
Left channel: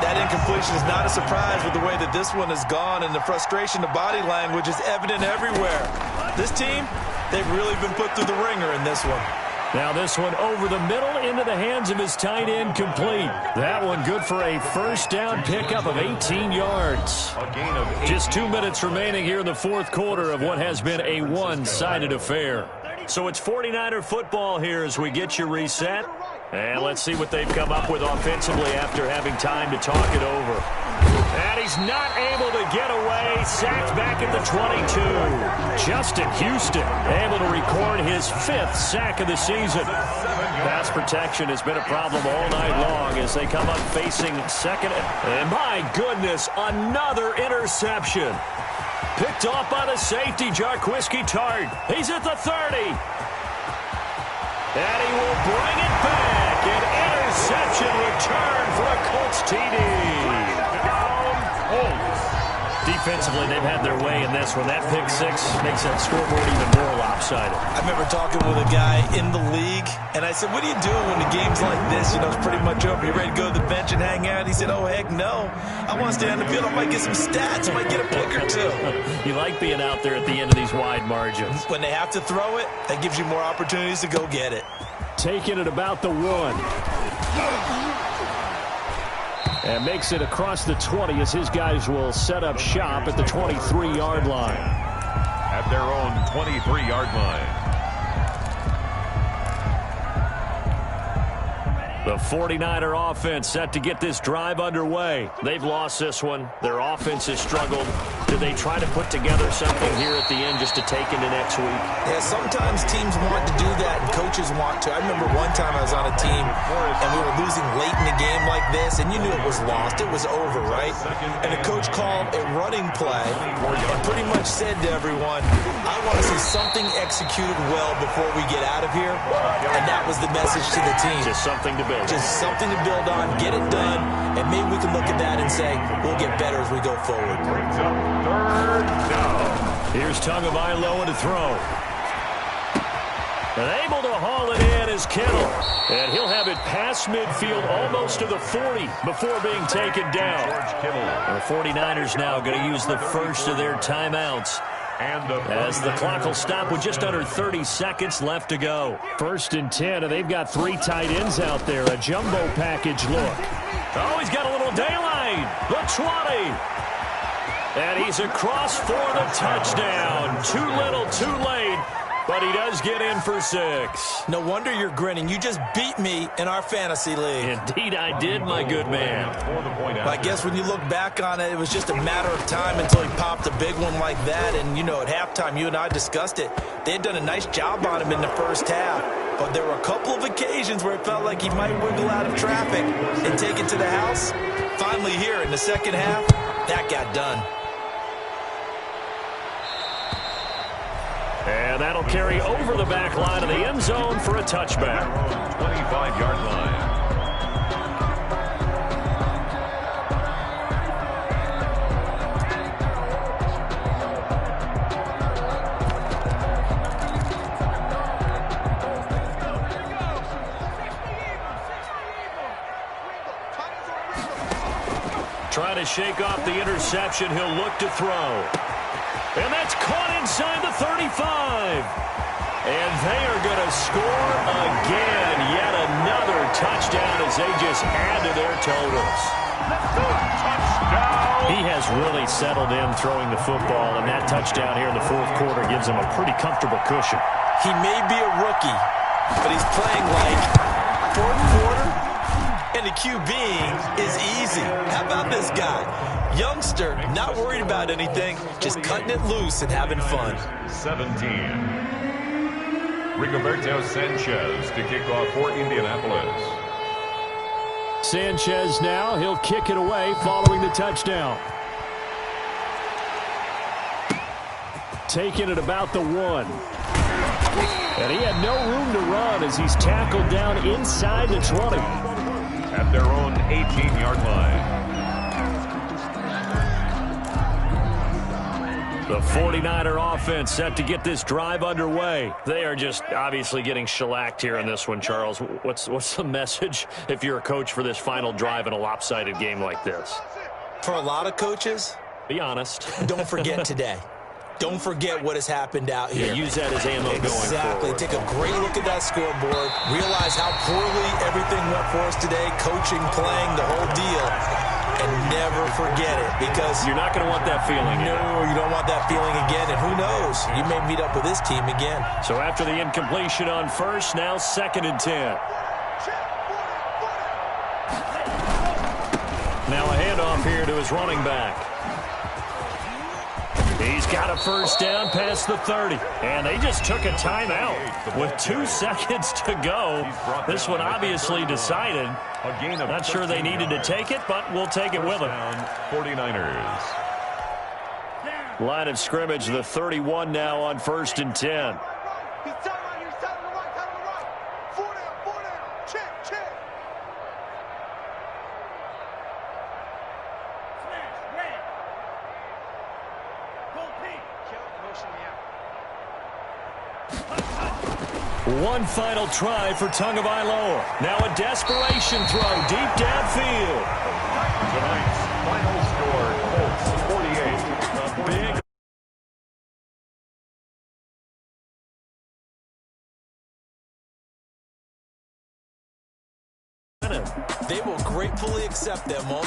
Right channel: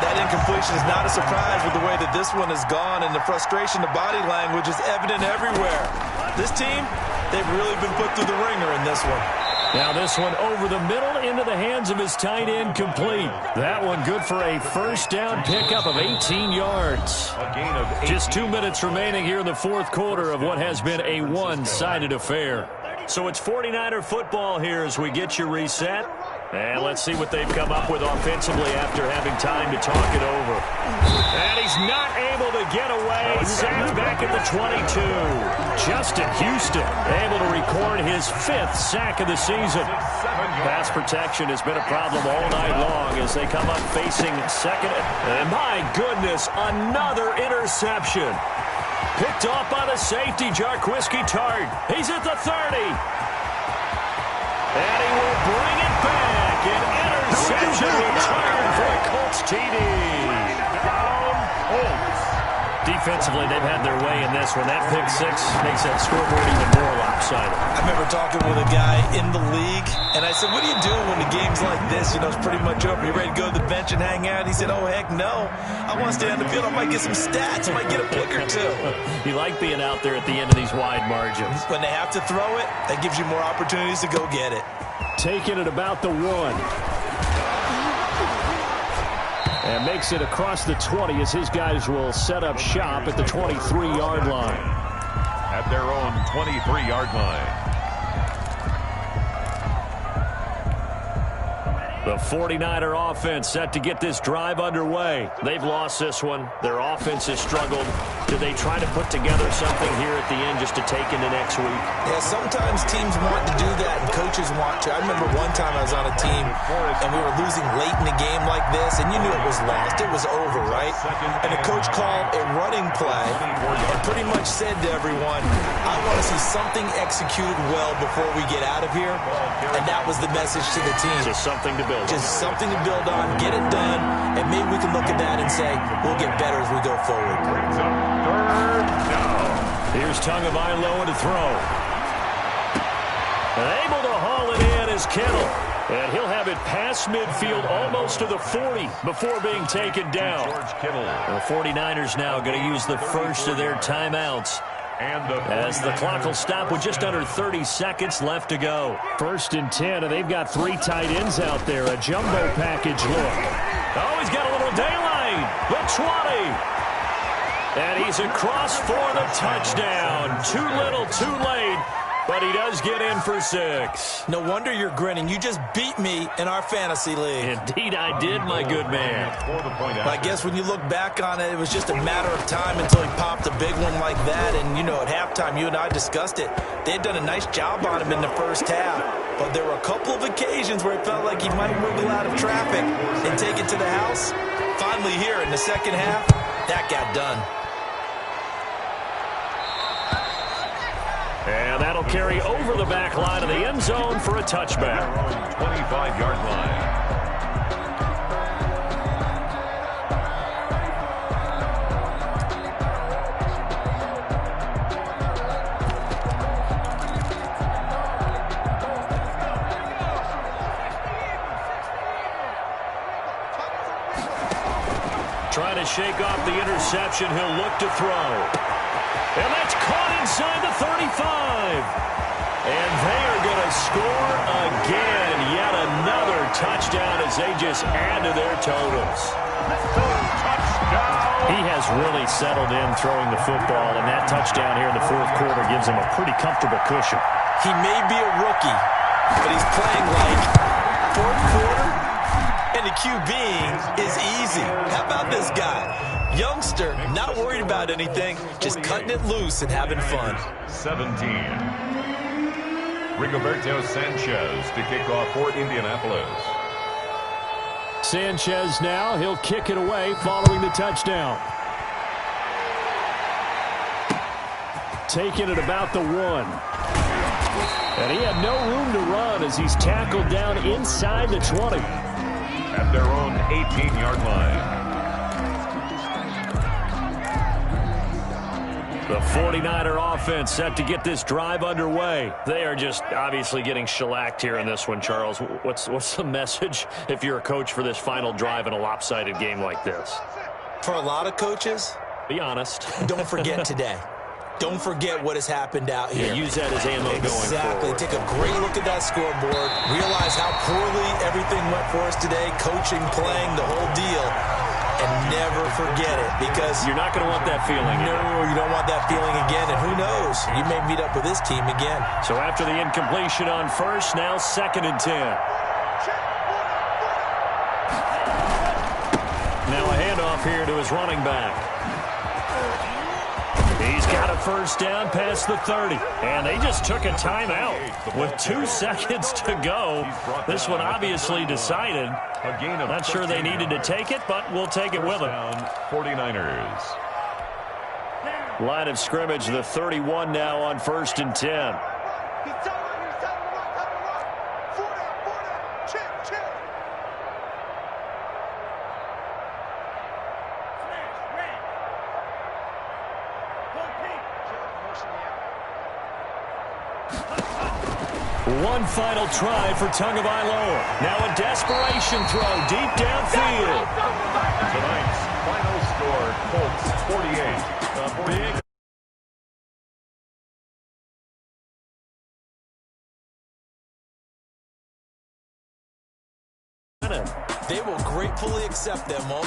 That incompletion is not a surprise with the way that this one has gone, and the frustration, the body language is evident everywhere. This team, they've really been put through the ringer in this one. Now this one over the middle into the hands of his tight end, complete. That one good for a 1st down pickup of 18 yards. A gain of 18. Just 2 minutes remaining here in the 4th quarter of what has been a one-sided affair. So it's 49er football here as we get you reset. And let's see what they've come up with offensively after having time to talk it over. And he's not able to get away. Sacked back at the 22. Justin Houston able to record his 5th sack of the season. Pass protection has been a problem all night long as they come up facing second. And my goodness, another interception. Picked off by the safety, Jarquiski Tart. He's at the 30. And he will bring it back. An interception return for a Colts TD. Down, Colts. Defensively, they've had their way in this one. That pick 6 makes that scoreboard even more lopsided. I remember talking with a guy in the league, and I said, what do you do when the game's like this? You know, it's pretty much over. You ready to go to the bench and hang out? He said, oh, heck no. I want to stay on the field. I might get some stats. I might get a pick or two. You like being out there at the end of these wide margins. When they have to throw it, that gives you more opportunities to go get it. Taking it about the 1. And makes it across the 20 as his guys will set up shop at the 23-yard line. At their own 23-yard line. The 49er offense set to get this drive underway. They've lost this one. Their offense has struggled. Do they try to put together something here at the end just to take into next week? Yeah, sometimes teams want to do that and coaches want to. I remember one time I was on a team and we were losing late in the game like this, and you knew it was lost. It was over, right? And the coach called a running play and pretty much said to everyone, I want to see something executed well before we get out of here. And that was the message to the team. Just something to build on. Just something to build on, get it done, and maybe we can look at that and say, we'll get better as we go forward. Brings up 3rd down. Here's Tagovailoa to throw. And able to haul it in is Kittle. And he'll have it past midfield almost to the 40 before being taken down. George Kittle. The 49ers now going to use the first of their timeouts. And as the clock will stop with just under 30 seconds left to go. 1st and 10, and they've got 3 tight ends out there. A jumbo package look. Oh, he's got a little daylight. The 20. And he's across for the touchdown. Too little, too late. But he does get in for 6. No wonder you're grinning. You just beat me in our fantasy league. Indeed I did, my good man. I guess when you look back on it, it was just a matter of time until he popped a big one like that. And, you know, at halftime, you and I discussed it. They had done a nice job on him in the first half. But there were a couple of occasions where it felt like he might wiggle out of traffic and take it to the house. Finally here in the second half, that got done. And that'll carry over the back line of the end zone for a touchback. 25-yard line. Trying to shake off the interception. He'll look to throw. And that's caught inside the 35. And they are going to score again. Yet another touchdown as they just add to their totals. Touchdown. He has really settled in throwing the football, and that touchdown here in the 4th quarter gives him a pretty comfortable cushion. He may be a rookie, but he's playing like fourth quarter, and the QBing is easy. How about this guy? Youngster, not worried about anything, just cutting it loose and having fun. 17. Rigoberto Sanchez to kick off for Indianapolis. Sanchez now, he'll kick it away following the touchdown. Taking it about the 1. And he had no room to run as he's tackled down inside the 20. At their own 18-yard line. The 49er offense set to get this drive underway. They are just obviously getting shellacked here in this one, Charles. What's the message if you're a coach for this final drive in a lopsided game like this? For a lot of coaches, be honest. Don't forget today. Don't forget what has happened out here. Yeah, use that as ammo going forward. Exactly. Take a great look at that scoreboard. Realize how poorly everything went for us today. Coaching, playing, the whole deal. And never forget it, because you're not going to want that feeling. No, you don't want that feeling again. And who knows? You may meet up with this team again. So after the incompletion on first, now 2nd and 10. Now a handoff here to his running back. He's got a first down past the 30. And they just took a timeout with 2 seconds to go. This one obviously decided. Not sure they needed to take it, but we'll take it with them. 49ers. Line of scrimmage, the 31 now on 1st and 10. One final try for Tagovailoa. Now a desperation throw deep downfield. Tonight's final score, Colts 48. A big They will gratefully accept them all.